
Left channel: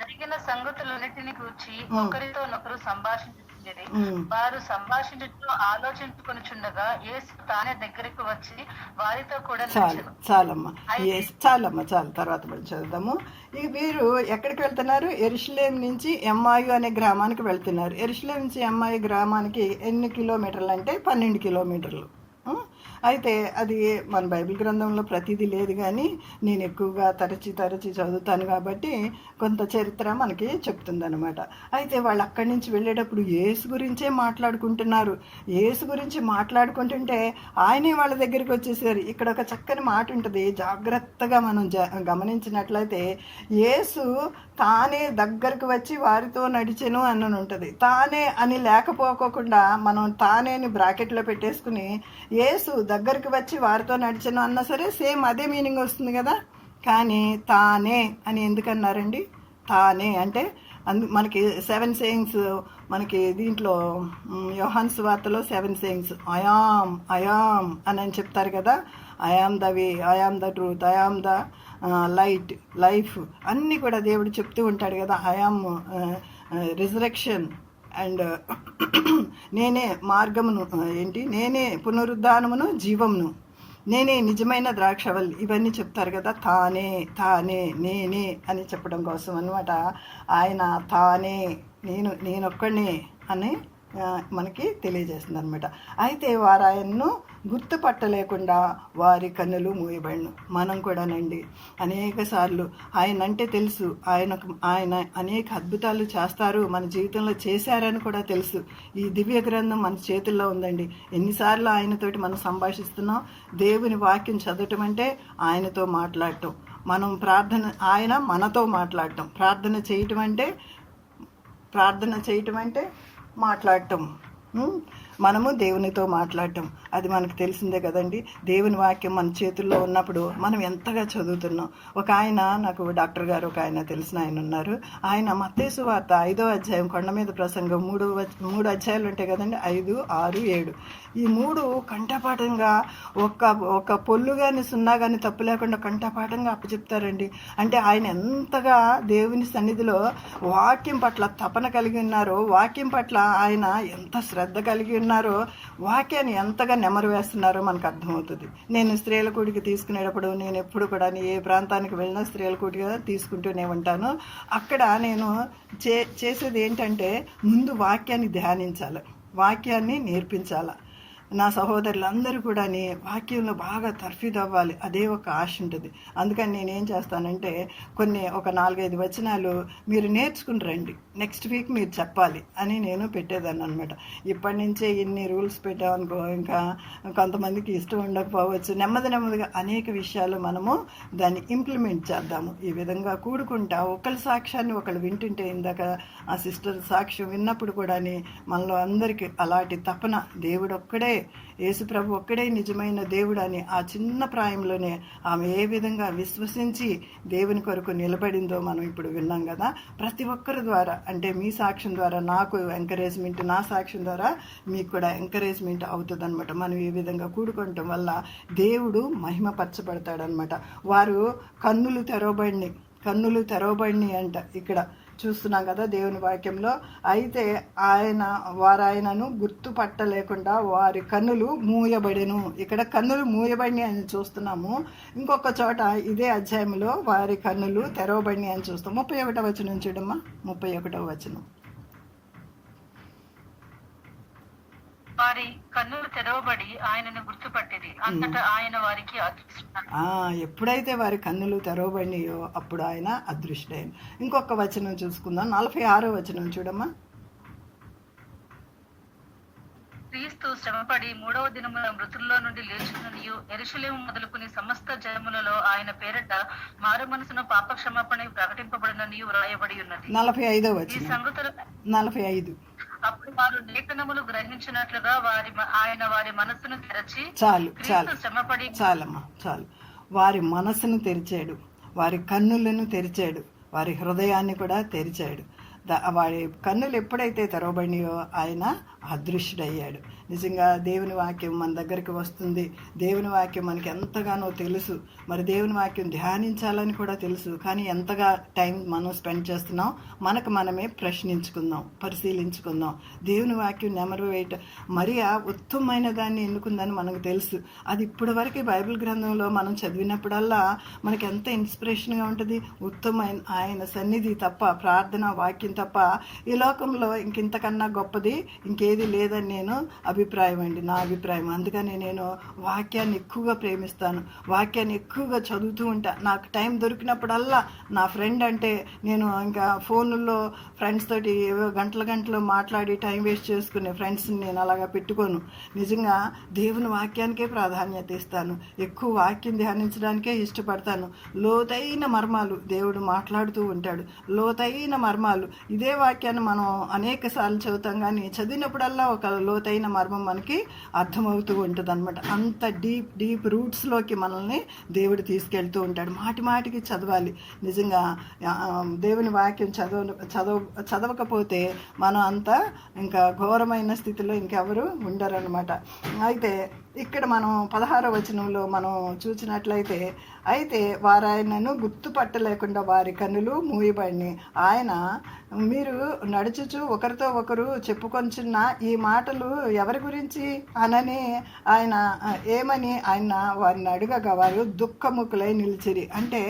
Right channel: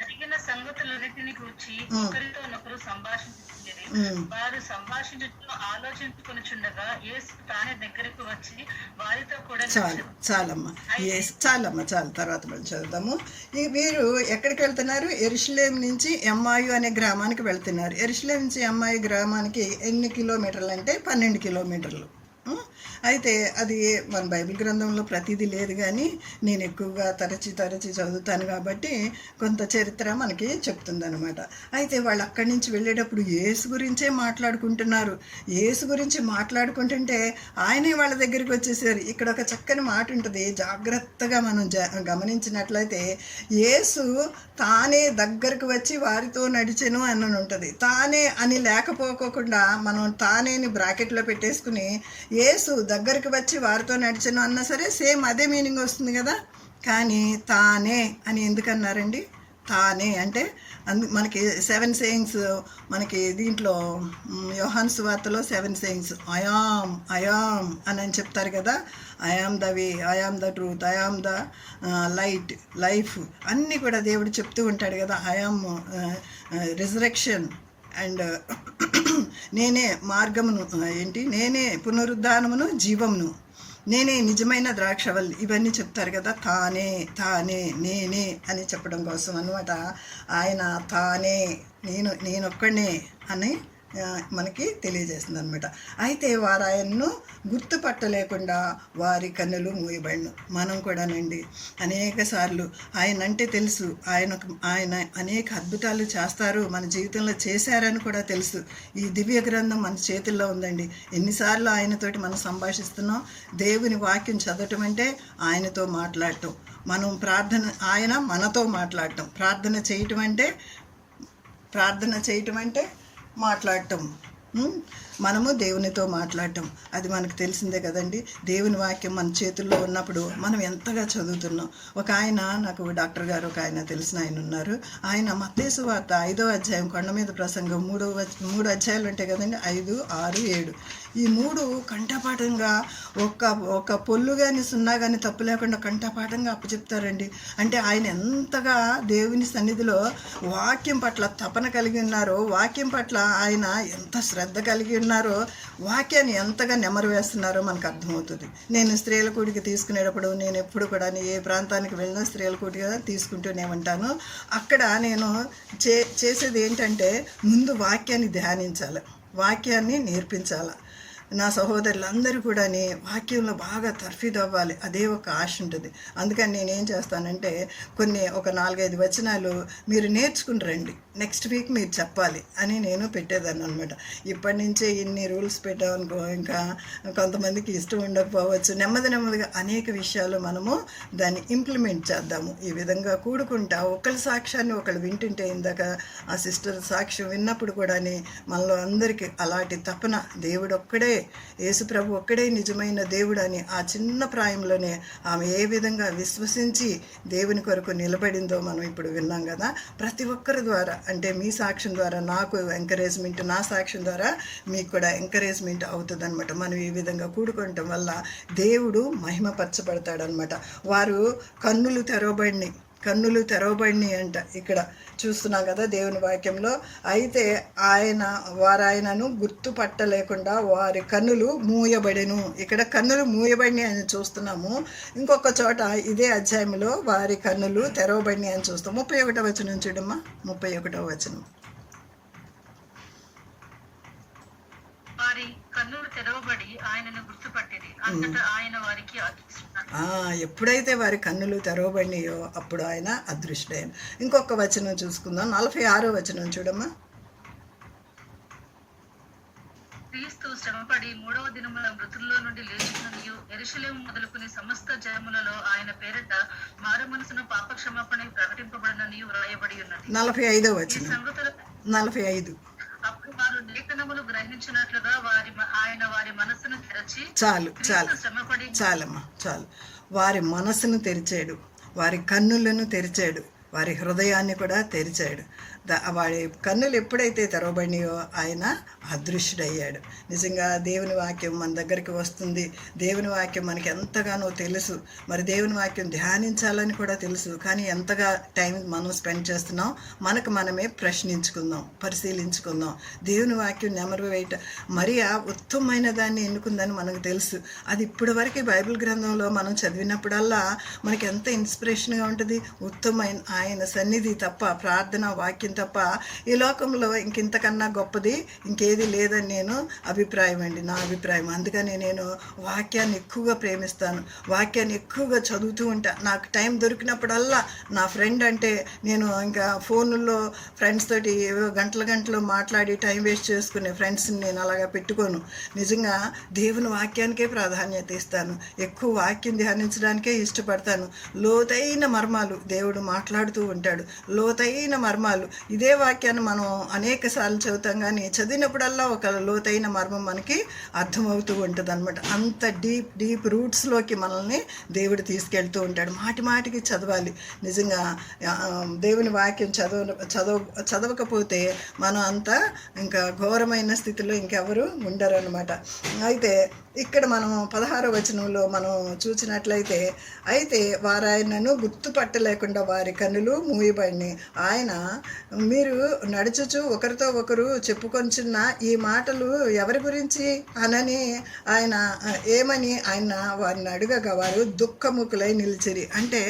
జరిగిన సంగతులన్నిటిని గురించి ఒకరితోనొకరు సంభాషించుకునేది. వారు సంభాషించుతూ ఆలోచించుకొనుచుండగా యేసు తానే దగ్గరకు వచ్చి వారితో కూడా చాలమ్మా చాలు. తర్వాత మళ్ళీ చదువుదాము. వీరు ఎక్కడికి వెళ్తున్నారు? యెరూషలేము నుంచి ఎంఐయు అనే గ్రామానికి వెళ్తున్నారు. యెరూషలేము నుంచి ఎంఐయు గ్రామానికి ఎన్ని కిలోమీటర్లు అంటే 12 కిలోమీటర్లు. అయితే అది మన బైబిల్ గ్రంథంలో ప్రతిదీ లేదు, కానీ నేను ఎక్కువగా తరచి చదువుతాను కాబట్టి కొంత చరిత్ర మనకి చెప్తుందనమాట. అయితే వాళ్ళు అక్కడి నుంచి వెళ్ళేటప్పుడు యేసు గురించే మాట్లాడుకుంటున్నారు. యేసు గురించి మాట్లాడుకుంటుంటే ఆయనే వాళ్ళ దగ్గరికి వచ్చేసారు. ఇక్కడ ఒక చక్కని మాట ఉంటుంది, జాగ్రత్తగా మనం గమనించినట్లయితే యేసు తానే దగ్గరకు వచ్చి వారితో నడిచెను అని ఉంటుంది. తానే అని లేకపోకుండా మనం తానేని బ్రాకెట్లో పెట్టేసుకుని యేసు దగ్గరికి వచ్చి వారితో నడిచెను అన్నా సరే సేమ్ అదే మీనింగ్ వస్తుంది కదా. కానీ తానే అని ఎందుకన్నారండి? తానే అంటే మనకి 7 sayings, మనకి దీంట్లో యోహాను సువార్తలో 7 sayings ఐయామ్ అని చెప్తారు కదా. I am the way, I am the truth, I am the light, life అన్నీ కూడా దేవుడు చెప్తూ ఉంటాడు కదా. ఐ ఆమ్ రిజరెక్షన్ అండ్ నేనే మార్గమును, నేనే పునరుద్ధానమును జీవమును, నేనే నిజమైన ద్రాక్షవల్లి, ఇవన్నీ చెప్తారు కదా. తానే నేనే అని చెప్పడం కోసం అన్నమాట. ఆయన తానే నేనొక్కడే అని మనకి తెలియజేస్తుంది అనమాట. అయితే వారు ఆయన్ను గుర్తుపట్టలేకుండా వారి కన్నులు మూయబడిను. మనం కూడానండి అనేక సార్లు ఆయన అంటే తెలుసు, ఆయన అనేక అద్భుతాలు చేస్తారు, మన జీవితంలో చేశారని కూడా తెలుసు. ఈ దివ్య గ్రంథం మన చేతుల్లో ఉందండి. ఎన్నిసార్లు ఆయనతోటి మనం సంభాషిస్తున్నాం. దేవుని వాక్యం చదవటం అంటే ఆయనతో మాట్లాడటం, మనం ఆయన మనతో మాట్లాడటం, ప్రార్థన చేయటం అంటే మాట్లాడటం, మనము దేవునితో మాట్లాడటం, అది మనకు తెలిసిందే కదండి. దేవుని వాక్యం మన చేతుల్లో ఉన్నప్పుడు మనం ఎంతగా చదువుతున్నాం. ఒక ఆయన, నాకు డాక్టర్ గారు ఒక ఆయన తెలిసిన ఆయన ఉన్నారు. ఆయన మత్తయి సువార్త 5వ అధ్యాయం కొండ మీద ప్రసంగం 3 అధ్యాయాలు ఉంటాయి కదండి, 5, 6, 7 ఈ 3 కంఠపాఠంగా ఒక పొల్లు కానీ సున్నా కానీ తప్పు లేకుండా కంఠపాఠంగా అప్పచెప్తారండి. అంటే ఆయన ఎంతగా దేవుని సన్నిధిలో వాక్యం పట్ల తపన కలిగి ఉన్నారో, వాక్యం పట్ల ఆయన ఎంత శ్రద్ధ కలిగి ఉన్నారో, వాక్యాన్ని ఎంతగా నెమరు వేస్తున్నారో మనకు అర్థమవుతుంది. నేను స్త్రీల కూడికి తీసుకునేటప్పుడు నేను ఎప్పుడు కూడా ఏ ప్రాంతానికి వెళ్ళినా స్త్రీల కూడిగా తీసుకుంటూనే ఉంటాను. అక్కడ నేను చేసేది ఏంటంటే ముందు వాక్యాన్ని ధ్యానించాలి, వాక్యాన్ని నేర్పించాలి. నా సహోదరులందరూ కూడా వాక్యంలో బాగా తర్ఫీదు అవ్వాలి, అదే ఒక ఆశ ఉంటుంది. అందుకని నేనేం చేస్తానంటే ఒక 4-5 వచనాలు మీరు నేర్చుకుని రండి, నెక్స్ట్ వీక్ మీరు చెప్పాలి అని నేను పెట్టేదాన్ని అనమాట. ఇప్పటి నుంచే ఇన్ని రూల్స్ పెట్టామనుకో ఇంకా కొంతమందికి ఇష్టం ఉండకపోవచ్చు. నెమ్మదిగా అనేక విషయాలు మనము దాన్ని ఇంప్లిమెంట్ చేద్దాము. ఈ విధంగా కూడుకుంటా ఒకళ్ళ సాక్ష్యాన్ని ఒకళ్ళు వింటుంటే, ఇందాక ఆ సిస్టర్ సాక్ష్యం విన్నప్పుడు కూడా మనలో అందరికీ అలాంటి తపన దేవుడు ఒక్కడే యేసుప్రభు ఒక్కడే నిజమైన దేవుడు అని ఆ చిన్న ప్రాయంలోనే ఆమె ఏ విధంగా విశ్వసించి దేవుని కొరకు నిలబడిందో మనం ఇప్పుడు విన్నాం కదా. ప్రతి ఒక్కరి ద్వారా, అంటే మీ సాక్ష్యం ద్వారా నాకు ఎంకరేజ్మెంట్, నా సాక్ష్యం ద్వారా మీకు కూడా ఎంకరేజ్మెంట్ అవుతుంది అనమాట. మనం ఈ విధంగా కూడుకోవటం వల్ల దేవుడు మహిమపరచబడతాడనమాట. వారు కన్నులు తెరవబడినాయి అంట. ఇక్కడ చూస్తున్నాం కదా దేవుని వాక్యంలో. అయితే వారాయనను గుర్తుపట్టలేకుండా వారి కన్నులు మూయబడెను. ఇక్కడ కన్నులు మూయబడినాయి అని చూస్తున్నాము. ఇంకొక చోట ఇదే అధ్యాయంలో వారి కన్నులు తెరవబడినాయి అని చూస్తాం. 31వ వచనం చూడమ్మా. 31వ వచనం. వారి కన్నులు తెరవబడి ఆయనను గుర్తుపట్టింది. అంతటా ఆయన వారికి ఎప్పుడైతే వారి కన్నులు తెరవబడినాయో అప్పుడు ఆయన అదృష్టుడైన. ఇంకొక వచనం చూసుకుందాం. 46వ వచనం చూడమ్మా. క్రీస్తు శ్రమపడి 3వ దినమున మృతుల్లో నుండి లేచిననియు యెరూషలేము మొదలుకుని సమస్త జనములలో ఆయన పేరట మారు మనసున పాపక్షమాపణ ప్రకటింపబడిననియు వ్రాయబడి ఉన్నది. 45వ వచనం. 45. అప్పుడు వారు లేఖనములు గ్రహించినట్లుగా ఆయన వారి మనస్సును తెరచి చాలమ్మా చాలు. వారి మనస్సును తెరిచాడు, వారి కన్నులను తెరిచాడు, వారి హృదయాన్ని కూడా తెరిచాడు. వాడి కన్నులు ఎప్పుడైతే తెరవబడినాయో ఆయన అదృశ్యుడయ్యాడు. నిజంగా దేవుని వాక్యం మన దగ్గరికి వస్తుంది. దేవుని వాక్యం మనకి ఎంతగానో తెలుసు. మరి దేవుని వాక్యం ధ్యానించాలని కూడా తెలుసు. కానీ ఎంతగా టైం మనం స్పెండ్ చేస్తున్నాం మనకు మనమే ప్రశ్నించుకుందాం, పరిశీలించుకుందాం. దేవుని వాక్యం నెమరు వేయట మరియా ఉత్తమమైన దాన్ని ఎన్నుకుందని మనకు తెలుసు. అది ఇప్పటి వరకు బైబిల్ గ్రంథంలో మనం చదివినప్పుడల్లా మనకి ఎంత ఇన్స్పిరేషన్గా ఉంటుంది. ఉత్తమమైన ఆయన సన్నిధి తప్ప, ప్రార్థన వాక్యం తప్ప ఈ లోకంలో ఇంతకన్నా గొప్పది ఇంకేది లేదని నేను నా అభిప్రాయం. అందుకని నేను వాక్యాన్ని ఎక్కువగా ప్రేమిస్తాను, వాక్యాన్ని ఎక్కువగా చదువుతూ ఉంటా. నాకు టైం దొరికినప్పుడల్లా నా ఫ్రెండ్ అంటే నేను ఇంకా ఫోన్లో ఫ్రెండ్స్ తోటి ఏవో గంటలు మాట్లాడి టైం వేస్ట్ చేసుకునే ఫ్రెండ్స్ని నేను అలాగా పెట్టుకోను. నిజంగా దేవుని వాక్యానికే ప్రాధాన్యత ఇస్తాను, ఎక్కువ వాక్యం ధ్యానించడానికే ఇష్టపడతాను. లోతైన మర్మాలు దేవుడు మాట్లాడుతూ ఉంటాడు, లోతైన మర్మాలు. ఇదే వాక్యాన్ని మనం అనేక సార్లు చదువుతాం, కానీ చదివినప్పుడల్లా ఒక లోతైన మర్మం మనకి అర్థమవుతూ ఉంటుంది అనమాట. అంత డీప్ రూట్స్లోకి మనల్ని దేవుడు తీసుకెళ్తూ ఉంటాడు. మాటికి చదవాలి. నిజంగా దేవుని వాక్యం చదవకపోతే మనం అంతా ఇంకా ఘోరమైన స్థితిలో ఇంకెవరు ఉండరు అనమాట. అయితే ఇక్కడ మనం 16వ వచనంలో మనం చూసినట్లయితే, అయితే వారాయనను గుర్తుపట్టలేకుండా వారి కన్నులు మూయబడినాయి. ఆయన మీరు నడుచుచు ఒకరితో ఒకరు చెప్పుకొంచున్న ఈ మాటలు ఎవరి గురించి అనని ఆయన ఏమని ఆయన వారిని అడగగా వారు దుఃఖముఖులై నిలిచిరి. అంటే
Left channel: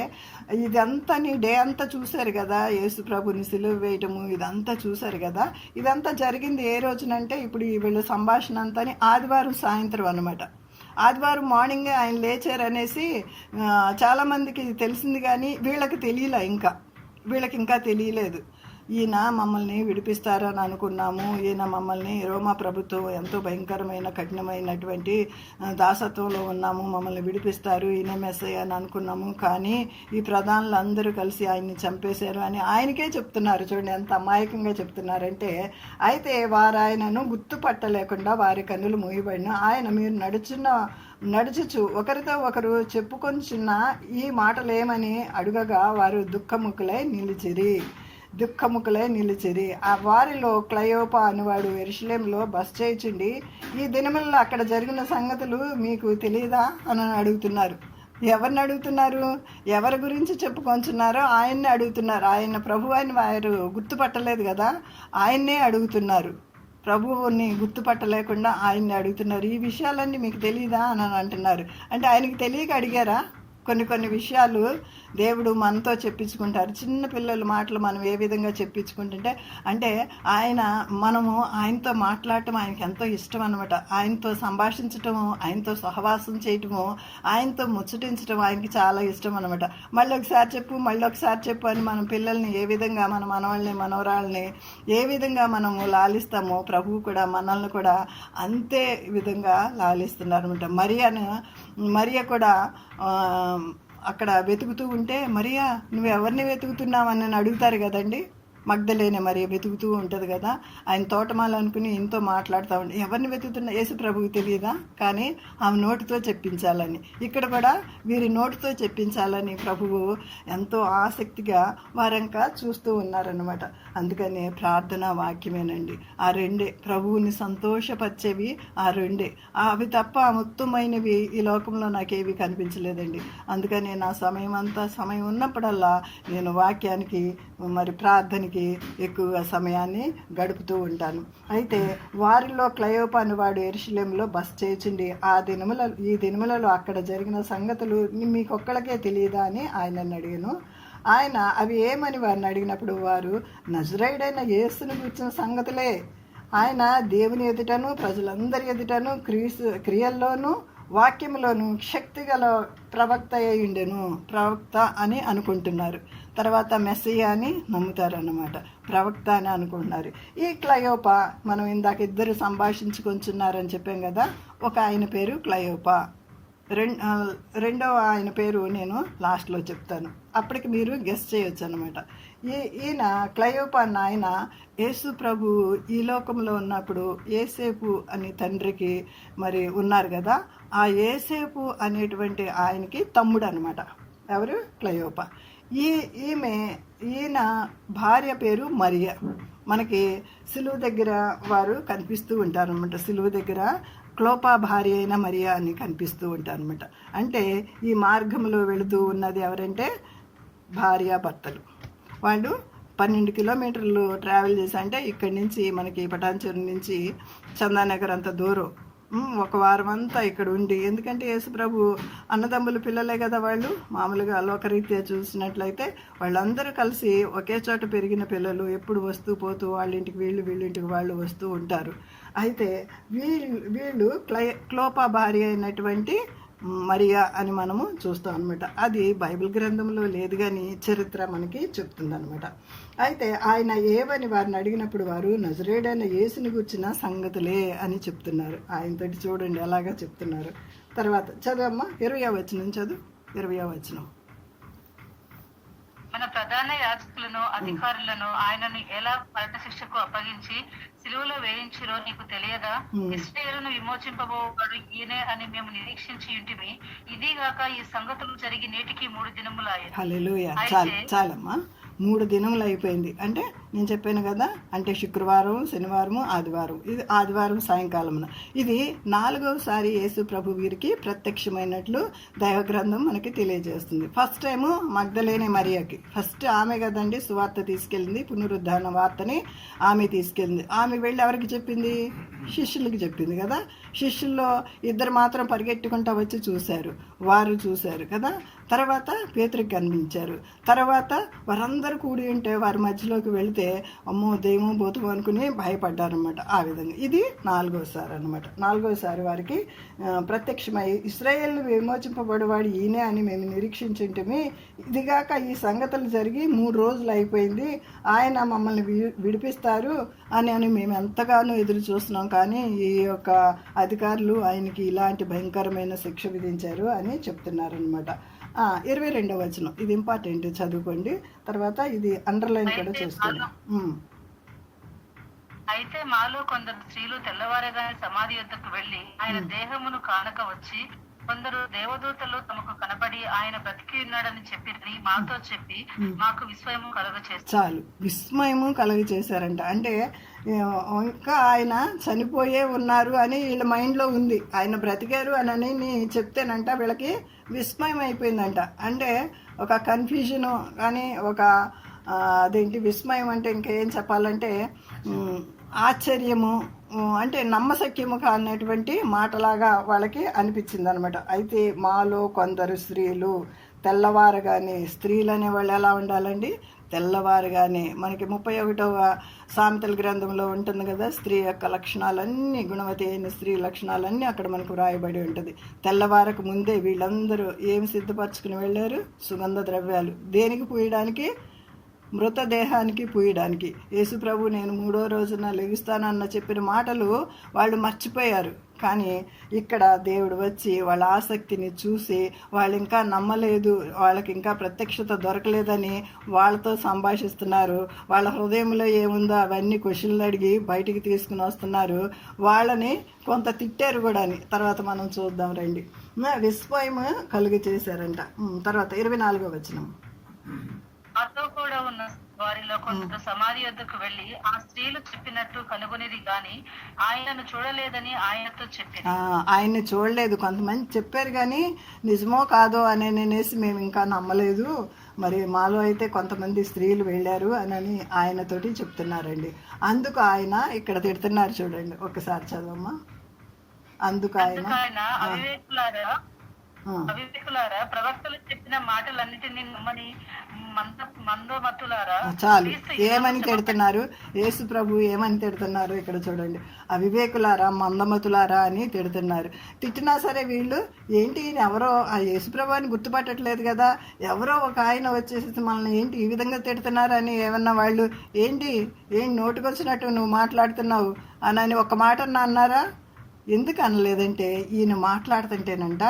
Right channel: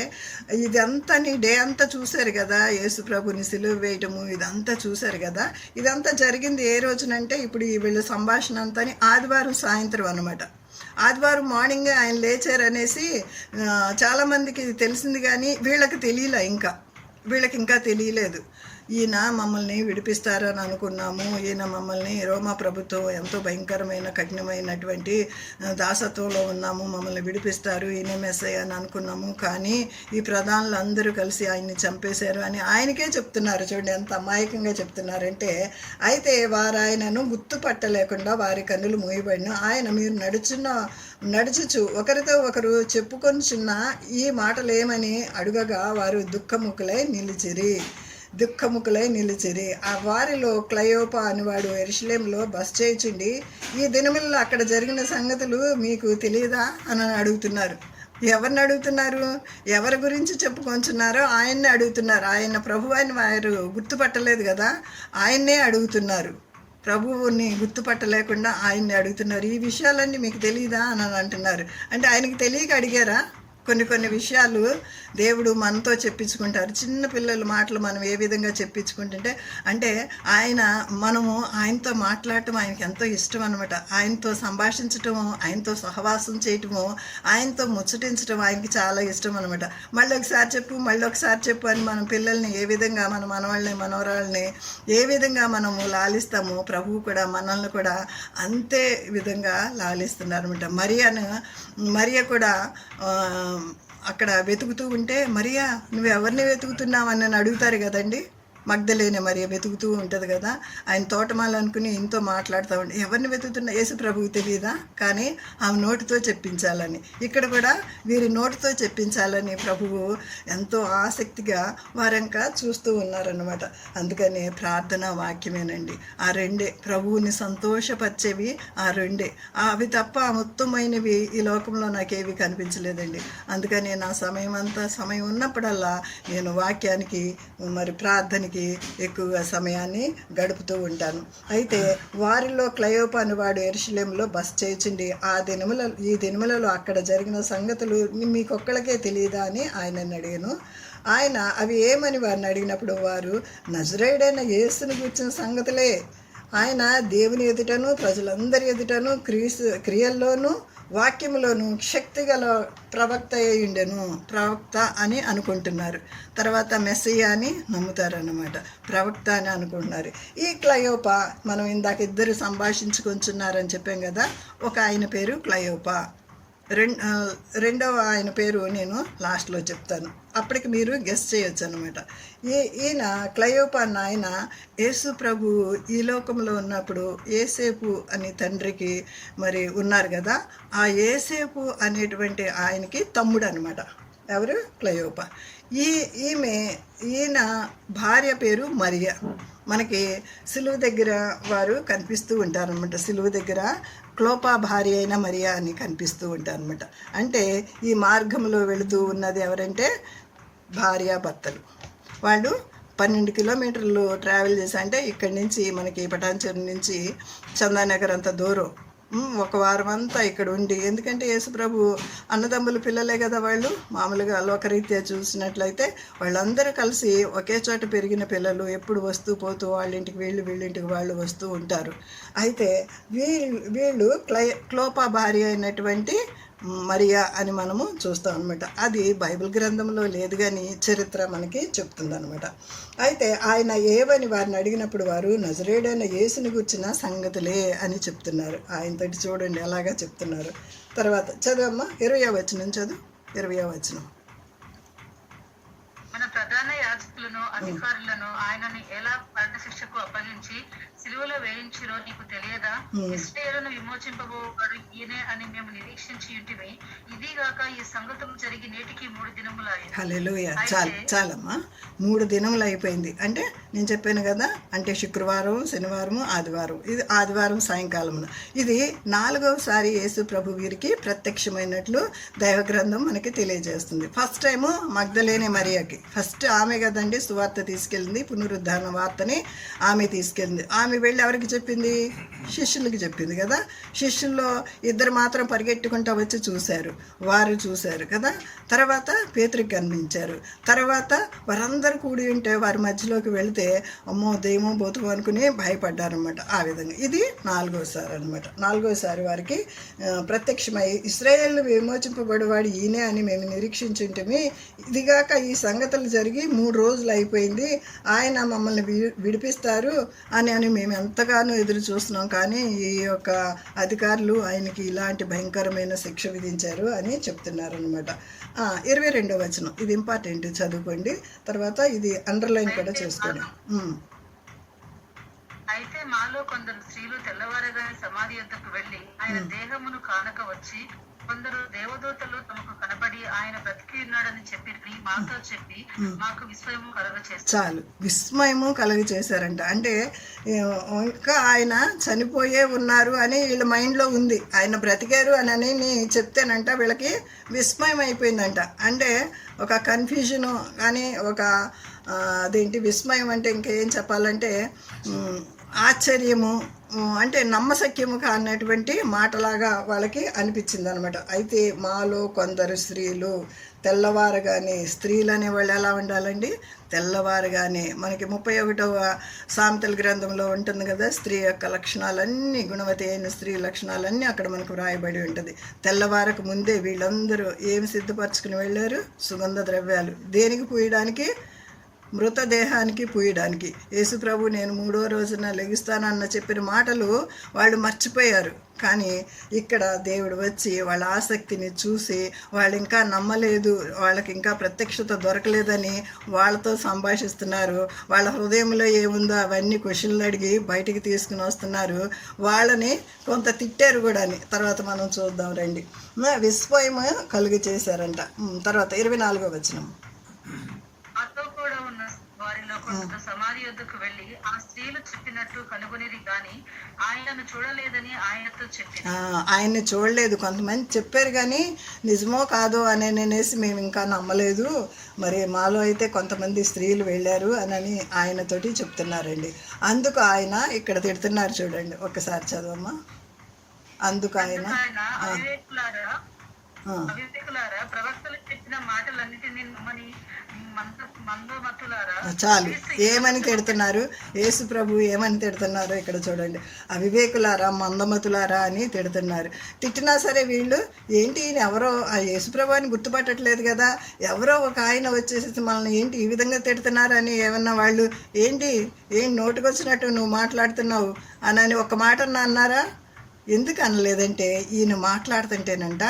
ఇదంతా డే అంతా చూశారు కదా, యేసు ప్రభుని సిలువ వేయటము ఇదంతా చూశారు కదా. ఇదంతా జరిగింది ఏ రోజునంటే ఇప్పుడు వీళ్ళ సంభాషణ అంతా ఆదివారం సాయంత్రం అన్నమాట. ఆదివారం మార్నింగ్ ఆయన లేచారనేసి చాలామందికి ఇది తెలిసింది, కానీ వీళ్ళకి ఇంకా తెలియలేదు. ఈయన మమ్మల్ని విడిపిస్తారని అనుకున్నాము, ఈయన మమ్మల్ని రోమా ప్రభుత్వం ఎంతో భయంకరమైన కఠినమైనటువంటి దాసత్వంలో ఉన్నాము, మమ్మల్ని విడిపిస్తారు, ఈయన మెస్సయ్య అని అనుకున్నాము, కానీ ఈ ప్రధానులు అందరూ కలిసి ఆయన్ని చంపేశారు అని ఆయనకే చెప్తున్నారు. చూడండి ఎంత అమాయకంగా చెప్తున్నారంటే. అయితే వారు ఆయనను గుర్తుపట్టలేకుండా వారి కన్నులు మూయబడిన ఆయన మీరు నడుచుచు ఒకరితో ఒకరు చెప్పుకొనిచున్న ఈ మాటలేమని అడుగగా వారు దుఃఖముఖులై నిలిచిరి. ఆ వారిలో క్లయోపా అనేవాడు యెరూషలేములో బస చేయుచుండి ఈ దినములలో అక్కడ జరిగిన సంగతులు మీకు తెలియదా అని అడుగుతున్నారు. ఎవరిని అడుగుతున్నారు? ఎవరి గురించి చెప్పుకొంచున్నారో ఆయన్ని అడుగుతున్నారు. ఆయన ప్రభు అని వారు గుర్తుపట్టలేదు కదా, ఆయన్నే అడుగుతున్నారు. ప్రభువుని గుర్తుపట్టలేకుండా ఆయన్ని అడుగుతున్నారు. ఈ విషయాలన్నీ మీకు తెలియదా అని అంటున్నారు. అంటే ఆయనకి తెలియక అడిగారా? కొన్ని విషయాలు దేవుడు మనతో చెప్పించుకుంటారు. చిన్న పిల్లల మాటలు మనం ఏ విధంగా చెప్పించుకుంటుంటే, అంటే మనము ఆయనతో మాట్లాడటం ఆయనకి ఎంతో ఇష్టం అనమాట. ఆయనతో సంభాషించటము, ఆయనతో సహవాసం చేయటము, ఆయనతో ముచ్చటించడం ఆయనకి చాలా ఇష్టం అనమాట. మళ్ళీ ఒకసారి చెప్పు అని మనం పిల్లల్ని ఏ విధంగా మన మనవరాళ్ళని ఏ విధంగా మనము లాలిస్తామో ప్రభువు కూడా మనల్ని కూడా అంతే విధంగా లాలిస్తున్నారు అనమాట. మరియ కూడా అక్కడ వెతుకుతూ ఉంటే, మరియా నువ్వు ఎవరిని వెతుకుతున్నావు అని నన్ను అడుగుతారు కదండి. మగ్ధలేనే మరి వెతుకుతూ ఉంటుంది కదా, ఆయన తోటమాల అనుకుని ఇంతో మాట్లాడుతూ ఉండి ఎవరిని వెతుకుతున్నా యేసు ప్రభువుకి తెలియదా, కానీ ఆమె నోటితో చెప్పించాలని, ఇక్కడ కూడా వీరి నోటితో చెప్పించాలని ప్రభువు ఎంతో ఆసక్తిగా వారంకా చూస్తూ ఉన్నారన్నమాట. అందుకని ప్రార్థన వాక్యమేనండి. ఆ రెండే ప్రభువుని సంతోషపరిచేవి, ఆ రెండే. అవి తప్ప మొత్తమైనవి ఈ లోకంలో నాకేవి కనిపించలేదండి. అందుకని నా సమయం ఉన్నప్పుడల్లా నేను వాక్యానికి మరి ప్రార్థనకి ఎక్కువగా సమయాన్ని గడుపుతూ ఉంటాను. అయితే వారిలో క్లయోప అనేవాడు యెరూషలేములో బస చేయుచుండి ఈ దినములలో అక్కడ జరిగిన సంగతులు మీకొక్కళ్ళకే తెలియదా అని ఆయనని అడిగాను. ఆయన అవి ఏమని వారిని అడిగినప్పుడు వారు నజరేయుడైన యేసుని గురించిన సంగతులే. ఆయన దేవుని ఎదుటను ప్రజలందరి ఎదుటను క్రియల్లోనూ వాక్యములోను శక్తిగల ప్రవక్త అయ్యుండెను. ప్రవక్త అని అనుకుంటున్నారు, తర్వాత మెస్సియా అని నమ్ముతారన్నమాట. ప్రవక్త అని అనుకుంటున్నారు. ఈ క్లయోప మనం ఇందాక ఇద్దరు సంభాషించుకుంటున్నారని చెప్పాం కదా, ఒక ఆయన పేరు క్లయోప, రెండవ ఆయన పేరు నేను లాస్ట్లో చెప్తాను, అప్పటికి మీరు గెస్ చేయొచ్చు అనమాట. ఈయన క్లయోప అన్న ఆయన యేసు ప్రభు ఈ లోకంలో ఉన్నప్పుడు యేసేపు అని తండ్రికి మరి ఉన్నారు కదా, ఆ యేసేపు అనేటువంటి ఆయనకి తమ్ముడు అనమాట. ఎవరు? క్లయోప. ఈయన భార్య పేరు మరియా. మనకి సిలువ దగ్గర వారు కనిపిస్తూ ఉంటారనమాట. సిలువ దగ్గర క్లోపా భార్య అయిన మరియా అని కనిపిస్తూ ఉంటారనమాట. అంటే ఈ మార్గంలో వెళుతూ ఉన్నది ఎవరంటే భార్యాభర్తలు. వాళ్ళు 12 కిలోమీటర్లు ట్రావెల్ చేసి, అంటే ఇక్కడి నుంచి మనకి పటాన్చెరు నుంచి చందానగర్ అంత దూరం, ఒక వారం అంతా ఇక్కడ ఉండి, ఎందుకంటే యేసుప్రభు అన్నదమ్ముల పిల్లలే కదా వాళ్ళు, మామూలుగా లోకరీత్యా చూసినట్లయితే వాళ్ళందరూ కలిసి ఒకే చోట పెరిగిన పిల్లలు, ఎప్పుడు వస్తూ పోతూ వాళ్ళింటికి వీళ్ళింటికి వాళ్ళు వస్తూ ఉంటారు. అయితే వీళ్ళు క్లోపా భార్య అయినటువంటి మరియా అని మనము చూస్తాం అనమాట. అది బైబిల్ గ్రంథంలో లేదు కానీ చరిత్ర మనకి చెప్తుంది అనమాట. అయితే ఆయన ఏవని వారిని అడిగినప్పుడు వారు నజరేయుడైన యేసుని గుర్చిన సంగతులే అని చెప్తున్నారు. ఆయనతోటి చూడండి ఎలాగా చెప్తున్నారు. తర్వాత చదవమ్మా 20వ వచనం చదువు. 20వ వచనం. మన ప్రధాన యాజకులను అధికారులను ఆయనని ఎలా మరణ శిక్షకు అప్పగించి సిలువలో వేయించిరో నీకు తెలియదా? ఇశ్రాయేలును విమోచింపబోవాడు ఈయనే అని మేము నిరీక్షించి ఉంటిమి. ఇదిగాక ఈ సంగతులు జరిగి నేటికి 3 దినములయ్యాయి. హల్లెలూయా. చాలమ్మా, 3 దినములు అయిపోయింది. అంటే నేను చెప్పాను కదా, అంటే శుక్రవారం, శనివారము, ఆదివారం. ఇది ఆదివారం సాయంకాలమున. ఇది 4వసారి యేసు ప్రభు వీరికి ప్రత్యక్షమైనట్లు దైవగ్రంథం మనకి తెలియజేస్తుంది. ఫస్ట్ టైము మగ్ధలేనే మరియకి, ఫస్ట్ ఆమె కదండి సువార్త తీసుకెళ్ళింది, పునరుద్ధారణ వార్తని ఆమె తీసుకెళ్ళింది. ఆమె వెళ్ళి ఎవరికి చెప్పింది? శిష్యులకి చెప్పింది కదా. శిష్యుల్లో 2 మాత్రం పరిగెట్టుకుంటా వచ్చి చూశారు, వారు చూశారు కదా. తర్వాత పేతురుకి కనిపించారు. తర్వాత వారందరూ కూడి ఉంటే వారి మధ్యలోకి వెళితే అమ్మో దెయ్యమో బోతుమో అనుకుని భయపడ్డారనమాట. ఆ విధంగా ఇది 4వసారి అనమాట. 4వసారి వారికి ప్రత్యక్షమై ఇశ్రాయేలు విమోచింపబడేవాడు ఈయనే అని మేము నిరీక్షించుంటమే. ఇదిగాక ఈ సంగతులు జరిగి 3 రోజులు అయిపోయింది, ఆయన మమ్మల్ని విడిపిస్తారు అని మేము ఎంతగానో ఎదురు చూస్తున్నాం, కానీ ఈ యొక్క అధికారులు ఆయనకి ఇలాంటి భయంకరమైన శిక్ష విధించారు అని చెప్తున్నారనమాట. 22వ వచనం, ఇది ఇంపార్టెంట్, చదువుకోండి. తర్వాత ఇది అండర్లైన్ కూడా చేసుకోండి. అయితే మాలో కొందరు స్త్రీలు తెల్లవారగానే సమాధి యొద్దకు వెళ్లి ఆయన దేహమును కానక వచ్చి, కొందరు దేవదూతలు తమకు కనబడి ఆయన బ్రతికి ఉన్నాడని చెప్పి మాతో చెప్పి మాకు విస్మయము కలుగచేశారు. చాలు, విస్మయము కలుగచేశారంట. అంటే ఇంకా ఆయన చనిపోయే ఉన్నారు అని వీళ్ళ మైండ్లో ఉంది, ఆయన బ్రతికారు అని చెప్తేనంట వీళ్ళకి విస్మయం అయిపోయిందంట. అంటే ఒక కన్ఫ్యూజను కానీ ఒక అదేంటి విస్మయం అంటే ఇంకేం చెప్పాలంటే ఆశ్చర్యము, అంటే నమ్మశక్యము కానటువంటి మాటలాగా వాళ్ళకి అనిపించింది అనమాట. అయితే మాలో కొందరు స్త్రీలు తెల్లవారగానే, స్త్రీలు అనేవాళ్ళు ఎలా ఉండాలండి? తెల్లవారుగానే. మనకి 31వ సామెతల గ్రంథంలో ఉంటుంది కదా, స్త్రీ యొక్క లక్షణాలన్నీ, గుణవతి అయిన స్త్రీ లక్షణాలన్నీ అక్కడ మనకు వ్రాయబడి ఉంటుంది. తెల్లవారకు ముందే వీళ్ళందరూ ఏమి సిద్ధపరచుకుని వెళ్ళారు? సుగంధ ద్రవ్యాలు. దేనికి పూయడానికి? మృతదేహానికి పూయడానికి. యేసు ప్రభు నేను 3వ రోజున లెగుస్తానన్న చెప్పిన మాటలు వాళ్ళు మర్చిపోయారు. కానీ ఇక్కడ దేవుడు వచ్చి వాళ్ళ ఆసక్తిని చూసి వాళ్ళు ఇంకా నమ్మలేదు, వాళ్ళకి ఇంకా ప్రత్యక్షత దొరకలేదని వాళ్ళతో సంభాషిస్తున్నారు. వాళ్ళ హృదయంలో ఏముందో అవన్నీ క్వశ్చన్లు అడిగి బయటికి తీసుకుని వస్తున్నారు. వాళ్ళని కొంత తిట్టారు కూడా అని తర్వాత మనం చూద్దాం రండి. విస్మయం కలుగు చేశారంట. తర్వాత 24వ వచనం. అతో కూడా ఉన్న వారిలో కొంత సమాధి యొద్దకు వెళ్లి ఆ స్త్రీలు చెప్పినట్టు కనుగొనిది గాని ఆయనను చూడలేదని ఆయనతో చెప్పి. ఆయన్ని చూడలేదు. కొంతమంది చెప్పారు కానీ నిజమో కాదో అనేసి మేము ఇంకా నమ్మలేదు. మరి మాలో అయితే కొంతమంది స్త్రీలు వెళ్ళారు అని ఆయనతోటి చెప్తున్నారండి. అందుకు ఆయన ఇక్కడ తిడుతున్నారు చూడండి, ఒక్కసారి చదవమ్మా. అందుకు ఆయన అవివేకులారా ప్రవక్తలు చెప్పిన మాటలన్నిటినీ నమ్మని మందమతులారా. చాలు, ఏమని తిడుతున్నారు యేసు ప్రభు, ఏమని తిడుతున్నారు ఇక్కడ చూడండి. అవివేకులారా, మందమతులారా అని తిడుతున్నారు. తిట్టినా సరే వీళ్ళు ఏంటి ఎవరో ఆ యేసు ప్రభు అని గుర్తుపట్టట్లేదు కదా, ఎవరో ఒక ఆయన వచ్చేసి మనల్ని ఏంటి ఈ విధంగా తిడుతున్నారు అని ఏమన్నా వాళ్ళు ఏంటి నోటికొచ్చినట్టు నువ్వు మాట్లాడుతున్నావు అని ఒక మాట అన్నారా? ఎందుకు అనలేదంటే ఈయన మాట్లాడుతుంటేనంట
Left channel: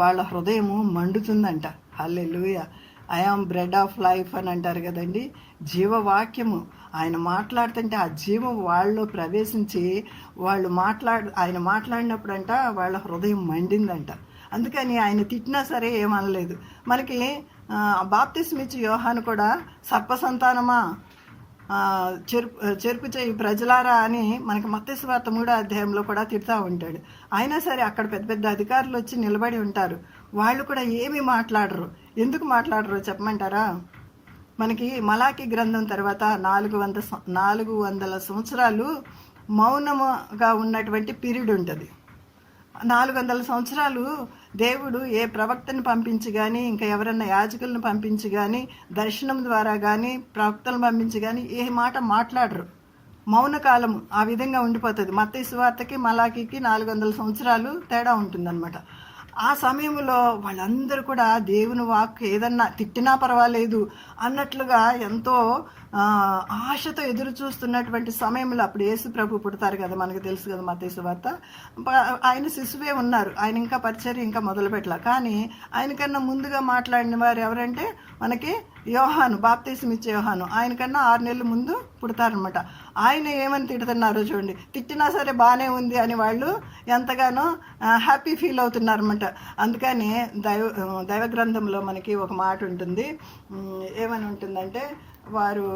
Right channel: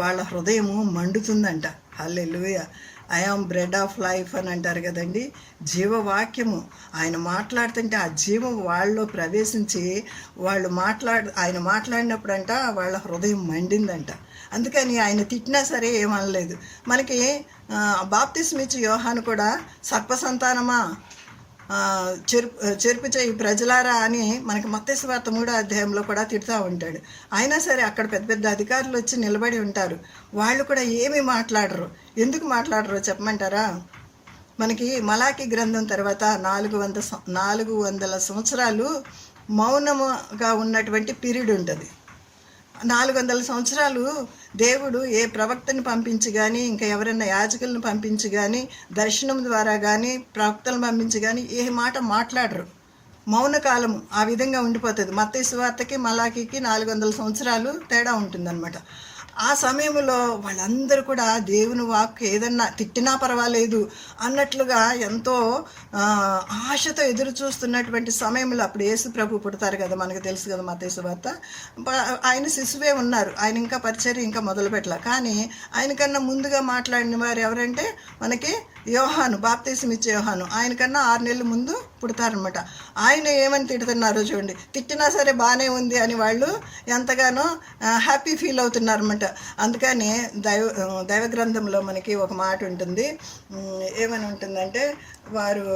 వాళ్ళ హృదయము మండుతుందంట. Hallelujah. I am bread of life అని అంటారు కదండి, జీవవాక్యము. ఆయన మాట్లాడుతుంటే ఆ జీవం వాళ్ళలో ప్రవేశించి ఆయన మాట్లాడినప్పుడంట వాళ్ళ హృదయం మండిందంట. అందుకని ఆయన తిట్టినా సరే ఏమనలేదు. మనకి బాప్తిస్మ ఇచ్చే యోహాను కూడా సర్పసంతానమా చెరుపు చేయి ప్రజలారా అని మనకి మత్తయి సువార్త 3వ అధ్యాయంలో కూడా తిడుతూ ఉంటాడు. అయినా సరే అక్కడ పెద్ద పెద్ద అధికారులు వచ్చి నిలబడి ఉంటారు. వాళ్ళు కూడా ఏమీ మాట్లాడరు. ఎందుకు మాట్లాడరు చెప్పమంటారా? మనకి మలాకి గ్రంథం తర్వాత 400 సంవత్సరాలు మౌనముగా ఉన్నటువంటి పీరియడ్ ఉంటుంది. 400 సంవత్సరాలు దేవుడు ఏ ప్రవక్తని పంపించి కానీ ఇంకా ఎవరైనా యాజకులను పంపించి కానీ దర్శనం ద్వారా కానీ ప్రవక్తలను పంపించి కానీ ఏ మాట మాట్లాడరు. మౌనకాలము ఆ విధంగా ఉండిపోతుంది. మత్తయి సువార్తకి మలాకీకి 400 సంవత్సరాలు తేడా ఉంటుందన్నమాట. ఆ సమయంలో వాళ్ళందరూ కూడా దేవుని వాక్కు ఏదన్నా తిట్టినా పర్వాలేదు అన్నట్లుగా ఎంతో ఆశతో ఎదురు చూస్తున్నటువంటి సమయంలో అప్పుడు యేసు ప్రభు పుడతారు కదా, మనకు తెలుసు కదా మత్తయి సువార్త. ఆయన శిశువే ఉన్నారు, ఆయన ఇంకా పరిచర్య ఇంకా మొదలు పెట్టలే. కానీ ఆయనకన్నా ముందుగా మాట్లాడిన వారు ఎవరంటే మనకి యోహాను, బాప్తిస్మ ఇచ్చే యోహాను. ఆయనకన్నా 6 నెలల ముందు పుడతారనమాట. ఆయన ఏమని తిడుతున్నారో చూడండి. తిట్టినా సరే బాగానే ఉంది అని వాళ్ళు ఎంతగానో హ్యాపీ ఫీల్ అవుతున్నారన్నమాట. అందుకని దైవ గ్రంథంలో మనకి ఒక మాట ఉంటుంది. ఏమని ఉంటుందంటే వారు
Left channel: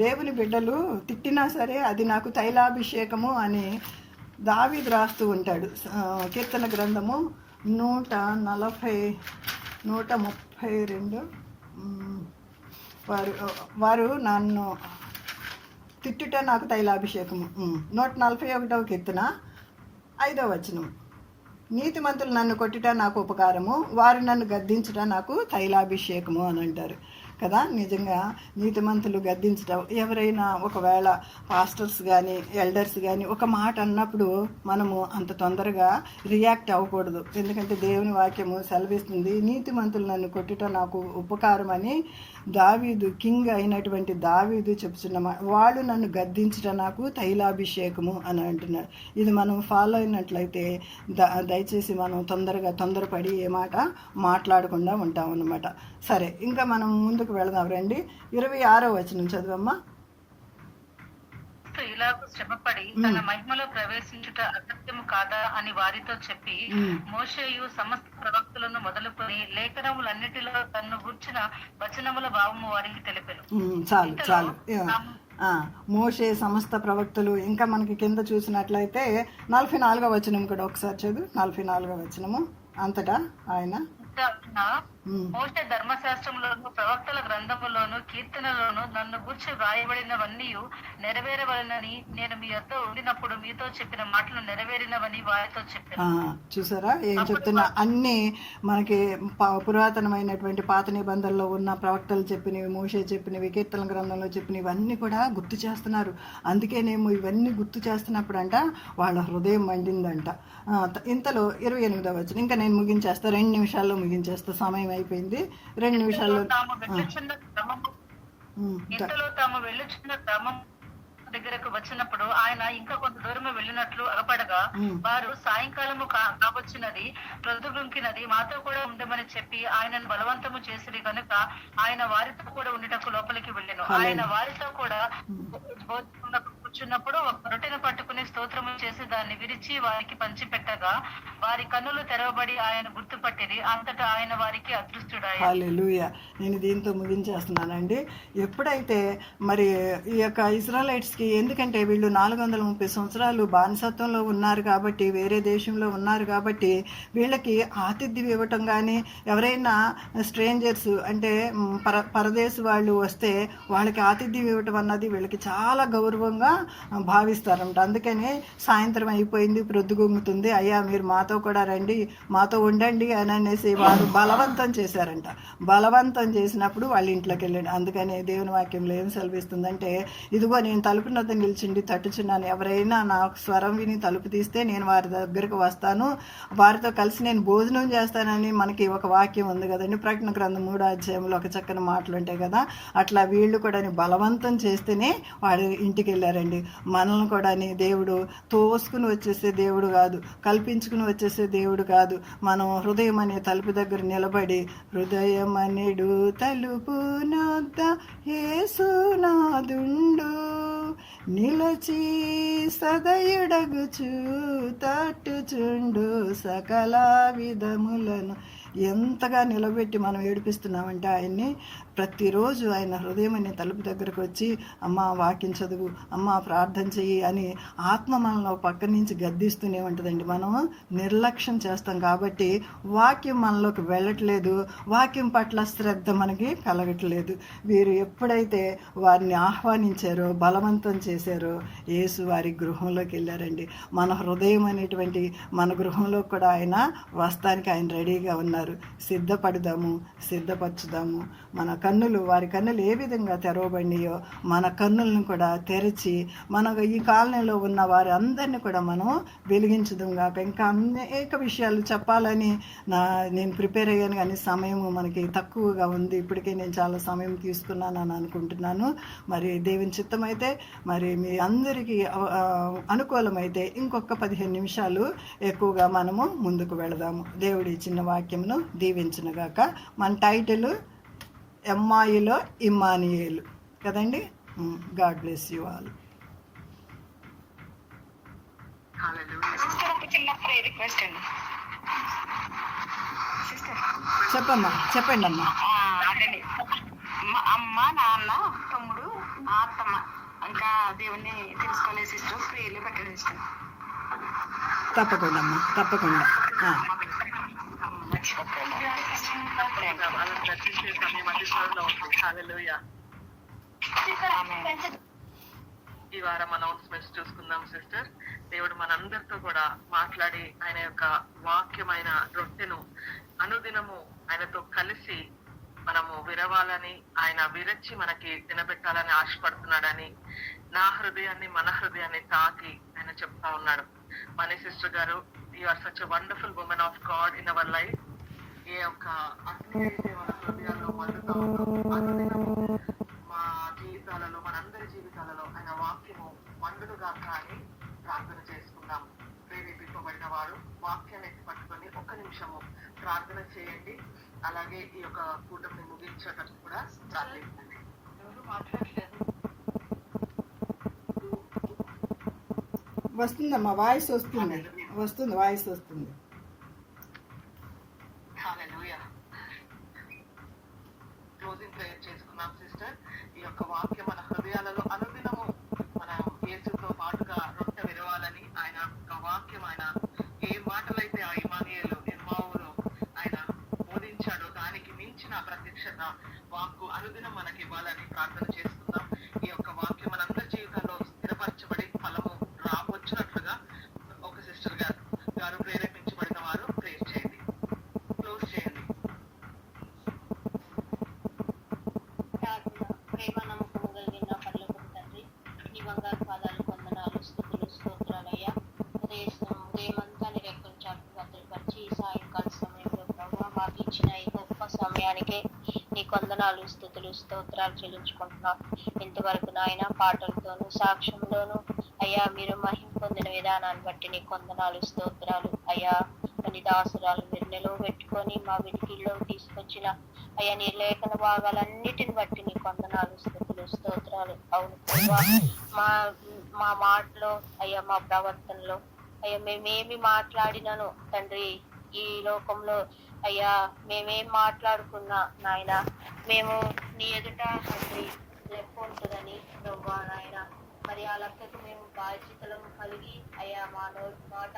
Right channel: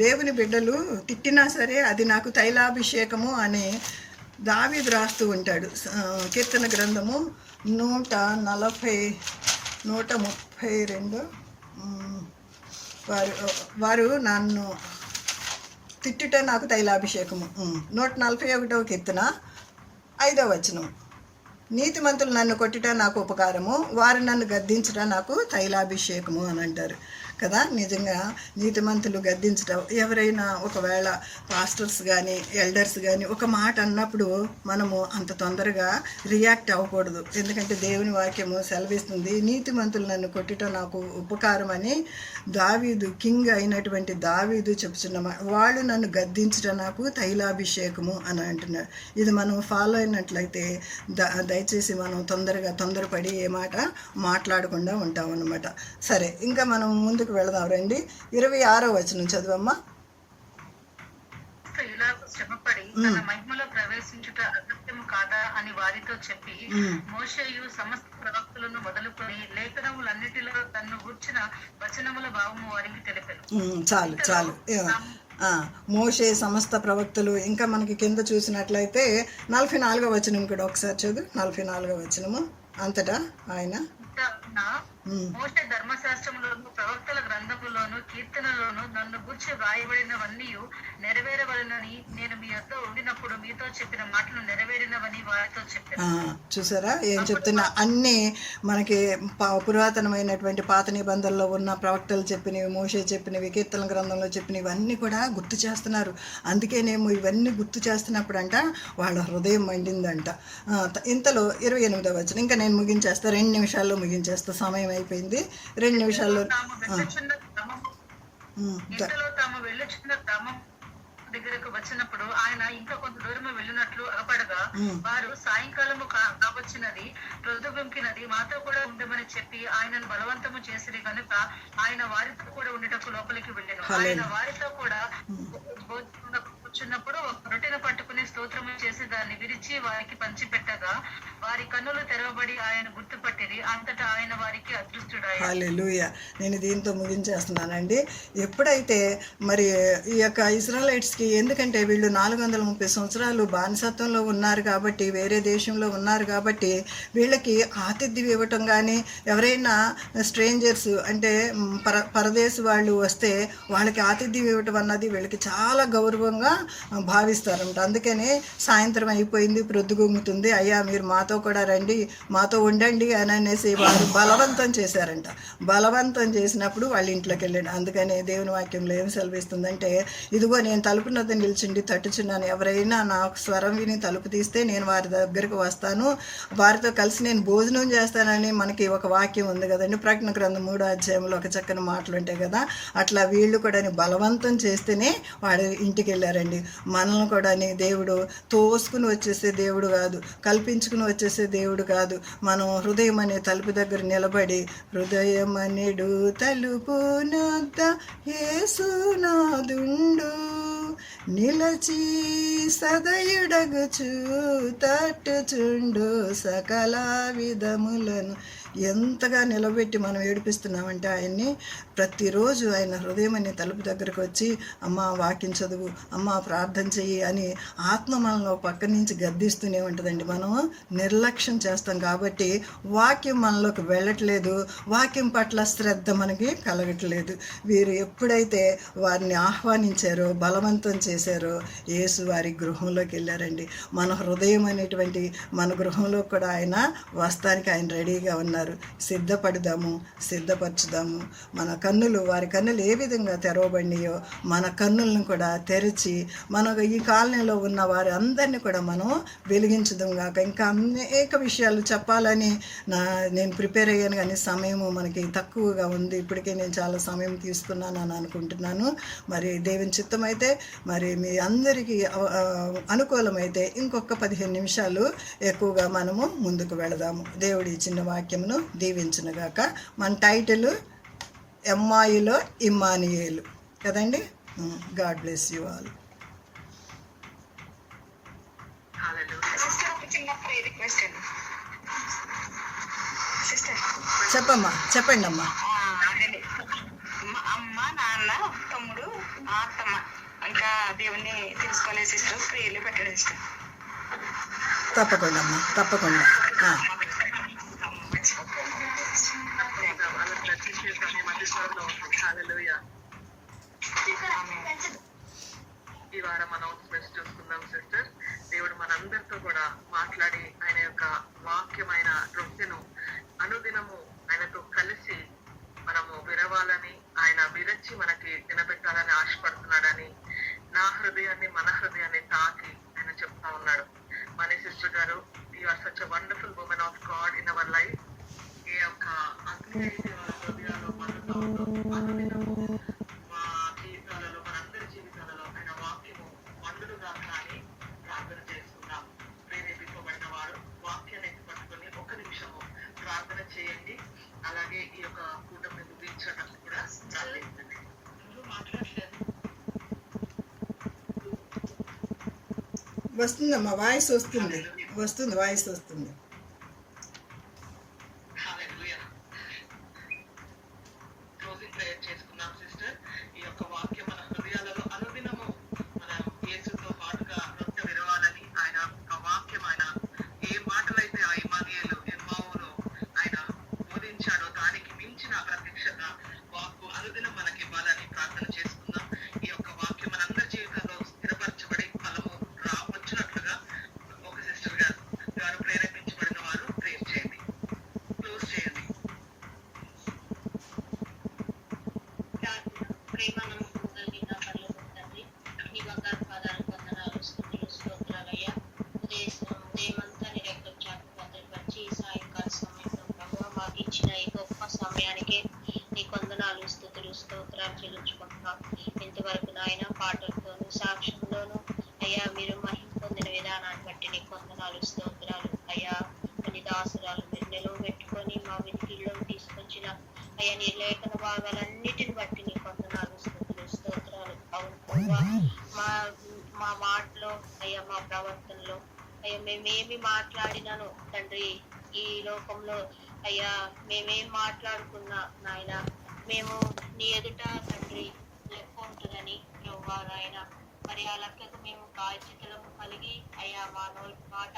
దేవుని బిడ్డలు తిట్టినా సరే అది నాకు తైలాభిషేకము అని దావీదు రాస్తూ ఉంటాడు. కీర్తన గ్రంథము 132 వారు నన్ను తిట్టుట నాకు తైలాభిషేకము. 141వ కీర్తన 5వ వచనం. నీతిమంతులు నన్ను కొట్టుట నాకు ఉపకారము, వారు నన్ను గద్దించుట నాకు తైలాభిషేకము అని అంటారు కదా. నిజంగా నీతిమంతులు గద్దించడం, ఎవరైనా ఒకవేళ పాస్టర్స్ కానీ ఎల్డర్స్ కానీ ఒక మాట అన్నప్పుడు మనము అంత తొందరగా రియాక్ట్ అవ్వకూడదు. ఎందుకంటే దేవుని వాక్యము సెలవిస్తుంది, నీతిమంతులు నన్ను కొట్టుట నాకు ఉపకారం అని దావీదు, కింగ్ అయినటువంటి దావీదు చెప్తున్న వాళ్ళు నన్ను గద్దించడం నాకు తైలాభిషేకము అని అంటున్నారు. ఇది మనం ఫాలో అయినట్లయితే దయచేసి మనం తొందరపడి ఏ మాట మాట్లాడకుండా ఉంటాం అన్నమాట. సరే, ఇంకా మనం ముందుకు వెళదాం రండి. 26వ వచనం చదువమ్మా. ఇలాగ శ్రమపడి తన మహిమలో ప్రవేశించుట అసత్యము కాదా అని వారితో చెప్పి మోషేయు సమస్త ప్రవక్తలను మొదలుకొని లేఖనములన్నిటిలో తన్ను గూర్చిన వచనముల భావము వారికి తెలిపెను. చాలు మోషే సమస్త ప్రవక్తలు. ఇంకా మనకి కింద చూసినట్లయితే 44వ వచనం కూడా ఒకసారి చదువు. 44వ వచనము అంతటా ఆయన మోషే ధర్మశాస్త్రంలోను ప్రవక్తల గ్రంథములోను కీర్తనలోను నన్ను గూర్చి వ్రాయబడినవన్నీ నెరవేరవలనని నేను మీ యొద్ద ఉండినప్పుడు మీతో చెప్పిన మాటలు నెరవేరినవని వారితో చెప్పాను. చూసారా ఏం చెప్తున్నా? అన్నీ మనకి పురాతనమైనటువంటి పాత నిబంధనలో ఉన్న ప్రవక్తలు చెప్పినవి, మోషే చెప్పినవి, కీర్తన గ్రంథంలో చెప్పినవి అన్నీ కూడా గుర్తు చేస్తున్నారు. అందుకేనేమో ఇవన్నీ గుర్తు చేస్తున్నప్పుడు అంట వాళ్ళ హృదయం మండిందంట. ఇంతలో 28వ వచనం. ఇంకా నేను ముగించేస్తా, 2 నిమిషాల్లో ముగించేస్తా, సమయం అయిపోయింది. 2 నిమిషాల్లో ఇంతలో తాము వెళ్ళుచున్న గ్రామం దగ్గరకు వచ్చినప్పుడు ఆయన ఇంకా కొంత దూరము వెళ్ళినట్లు అగపడగా వారు సాయంకాలము కావచ్చినది, ప్రొద్దుగుంకినది, మాతో కూడా ఉండమని చెప్పి ఆయనను బలవంతము చేసిరి కనుక ఆయన వారితో కూడా ఉండటకు లోపలికి వెళ్ళాను. ఆయన వారితో కూడా కూర్చున్నప్పుడు ఒక రొట్టెను పట్టుకుని స్తోత్రము చేసి దాన్ని విరిచి వారికి పంచిపెట్టగా వారి కన్నులు తెరవబడి ఆయన గుర్తుపట్టిరి. అంతటా ఆయన వారికి అదృష్టుడాయి. హల్లెలూయా. నేను దీంతో ముగించేస్తున్నానండి. ఎప్పుడైతే మరి ఈ యొక్క ఇజ్రాయలైట్స్కి, ఎందుకంటే వీళ్ళు 430 సంవత్సరాలు బానిసత్వంలో ఉన్నారు కాబట్టి, వేరే దేశంలో ఉన్నారు కాబట్టి, వీళ్ళకి ఆతిథ్యం ఇవ్వటం కానీ, ఎవరైనా స్ట్రేంజర్స్ అంటే పరదేశ వాళ్ళు వస్తే వాళ్ళకి ఆతిథ్యం ఇవ్వటం అన్నది వీళ్ళకి చాలా గౌరవంగా భావిస్తారంట. అందుకని సాయంత్రం అయిపోయింది, ప్రొద్దుగుంగుతుంది, అయ్యా మీరు మాతో కూడా రండి, మాతో ఉండండి అని అనేసి వారు బలవంతం చేశారంట. బలవంతం చేసినప్పుడు వాళ్ళ ఇంట్లోకి వెళ్ళండి. అందుకని దేవుని వాక్యంలో ఏం సెలవిస్తుందంటే, ఇదిగో నేను తలుపు నద్ద నిల్చుండి తట్టుచున్నాను, ఎవరైనా నా స్వరం విని తలుపు తీస్తే నేను వారి దగ్గరకు వస్తాను, వారితో కలిసి నేను భోజనం చేస్తానని మనకి ఒక వాక్యం ఉంది కదండి. ప్రకటన గ్రంథం 3వ అధ్యాయంలో ఒక చక్కని మాటలు ఉంటాయి కదా. అట్లా వీళ్ళు కూడా బలవంతం చేస్తేనే వాడు ఇంటికి వెళ్ళారండి. మనల్ని కూడా దేవుడు తోసుకుని వచ్చేసే దేవుడు కాదు, కల్పించుకుని వచ్చేసే దేవుడు కాదు. మనం హృదయం అనే తలుపు దగ్గర నిలబడి, హృదయం అనేడు తలుపు నొద్ద యేసునాదుండు, నిలచి సదయుడగుచు తట్టుచుండు సకల విధములను, ఎంతగా నిలబెట్టి మనం ఏడిపిస్తున్నామంటే ఆయన్ని ప్రతిరోజు ఆయన హృదయం అనే తలుపు దగ్గరకు వచ్చి, అమ్మ వాక్యం చదువు, అమ్మ ప్రార్థన చెయ్యి అని ఆత్మ మనలో పక్క నుంచి గద్దిస్తూనే ఉంటుందండి. మనం నిర్లక్ష్యం చేస్తాం కాబట్టి వాక్యం మనలోకి వెళ్ళట్లేదు, వాక్యం పట్ల శ్రద్ధ మనకి కలగట్లేదు. వీరు ఎప్పుడైతే వారిని ఆహ్వానించారో, బలవంతం చేశారో, యేసు వారి గృహంలోకి వెళ్ళారండి. మన హృదయం అనేటువంటి మన గృహంలో కూడా ఆయన వస్తానికి ఆయన రెడీగా ఉన్నారు. సిద్ధపడదాము, సిద్ధపరచుదాము. మన కన్నులు, వారి కన్నులు ఏ విధంగా తెరవబడినాయో మన కన్నులను కూడా తెరిచి మన ఈ కాలనీలో ఉన్న వారి అందరినీ కూడా మనం వెలిగించుదాం గాక. ఇంకా అనేక విషయాలు చెప్పాలని నేను ప్రిపేర్ అయ్యాను, కానీ సమయము మనకి తక్కువగా ఉంది. ఇప్పటికే నేను చాలా సమయం తీసుకున్నాను అని అనుకుంటున్నాను. మరి దేవుని చిత్తం అయితే, మరి మీ అందరికీ అనుకూలమైతే ఇంకొక 15 నిమిషాలు ఎక్కువగా మనము ముందుకు వెళదాము. దేవుడి చిన్న వాక్యమును దీవించునుగాక. మన టైటిల్ ఎమ్మాయిలో ఇమ్మానియేలు కదండి. God bless you all. చెప్పమ్మా, చెప్పండి అమ్మా. అమ్మ, నాన్న, తమ్ముడు, అత్తమ్మ ఇంకా దేవుణ్ణి తెలుసుకోలే సిస్టర్, ప్రేయర్లు పెట్టండి సిస్టర్. తప్పకుండా అమ్మా, తప్పకుండా. ఈ వారం అనౌన్స్మెంట్స్ చూసుకుందాం సిస్టర్. దేవుడు మనందరితో కూడా మాట్లాడి ఆయన యొక్క వాక్యమైన రొట్టెను అనుదినము ఆయనతో కలిసి మనము విరవాలని, ఆయన విరచి మనకి తినబెట్టాలని ఆశపడుతున్నాడని, నా హృదయాన్ని మన హృదయాన్ని తాకి ఆయన చెప్తా ఉన్నాడు. మనీ సిస్టర్ గారు, you are such a wonderful woman of God in our life. ఈ యొక్క అగ్ని అయితే మన హృదయాల్లో మండుతా ఉందో, అనుదినము మా జీవితాలలో, మనందరి జీవితాలలో ఆయన వాక్యము మండుడుగా కానీ ప్రార్థన చేసుకుందాం. ప్రేరేపింపబడిన వాడు వాక్యాన్ని ఎత్తి పట్టుకొని 1 నిమిషము ప్రార్థన చేయండి. అలాగే ఈ యొక్క కూటమిని ముగించడానికి కూడా చాలేదండి. వస్తుందమ్మా, వాయిస్ వస్తుంది, వాయిస్ వస్తుంది. క్లోజింగ్ ప్రేయర్ చేసుకున్నాం సిస్టర్. ఈ యొక్క వాక్యం మన హృదయాలలో అనుదినము మన యేసుతో పాటుగా రొట్టె విరవాలని, ఆయన యొక్క వాక్యం, ఆయన ఏ మాటలైతే ఆ ఇమ్మానుయేలు ఎమ్మావులో ఆయన బోధించాడో దానికి మించిన ప్రత్యక్షత వాక్కు అనుదినం మనకి ఇవ్వాలని ప్రార్థన చేసుకుందాం. ఈ యొక్క వాక్యం మనందరి జీవితాల్లో స్థిరపరచబడి ఫలము వచ్చినట్లుగా ఒక సిస్టర్ గారు ప్రేరేపించబడి వందనాలు, స్తుతులు, స్తోత్రాలు చెల్లించుకుంటున్నాం. ఇంతవరకు నాయన పాటలతోనూ సాక్ష్యంలోనూ అయ్యా మీరు మహిమ పొందిన విధానాన్ని బట్టి నీకు వందనాలు, స్తోత్రాలు. అయ్యా నీ దాసురాలు మీరు నిలువ పెట్టుకొని మా వినికిల్లో తీసుకొచ్చిన అయ్యా నీ లేఖన భాగాలన్నిటిని బట్టి నీకు వందనాలు, స్తుతులు, స్తోత్రాలు. అవును అయ్యా, మా మా మాటలో అయ్యా మా ప్రవర్తనలో అయ్యా మేమేమి మాట్లాడినాను తండ్రి, ఈ లోకంలో అయ్యా మేమేం మాట్లాడుకున్నా నాయన మేము నీ ఎదుట తండ్రి లెక్క ఉంటుందని ప్రభువా నాయన, మరి ఆ లెక్కకు మేము బాధ్యతలను కలిగి అయ్యా మా మాట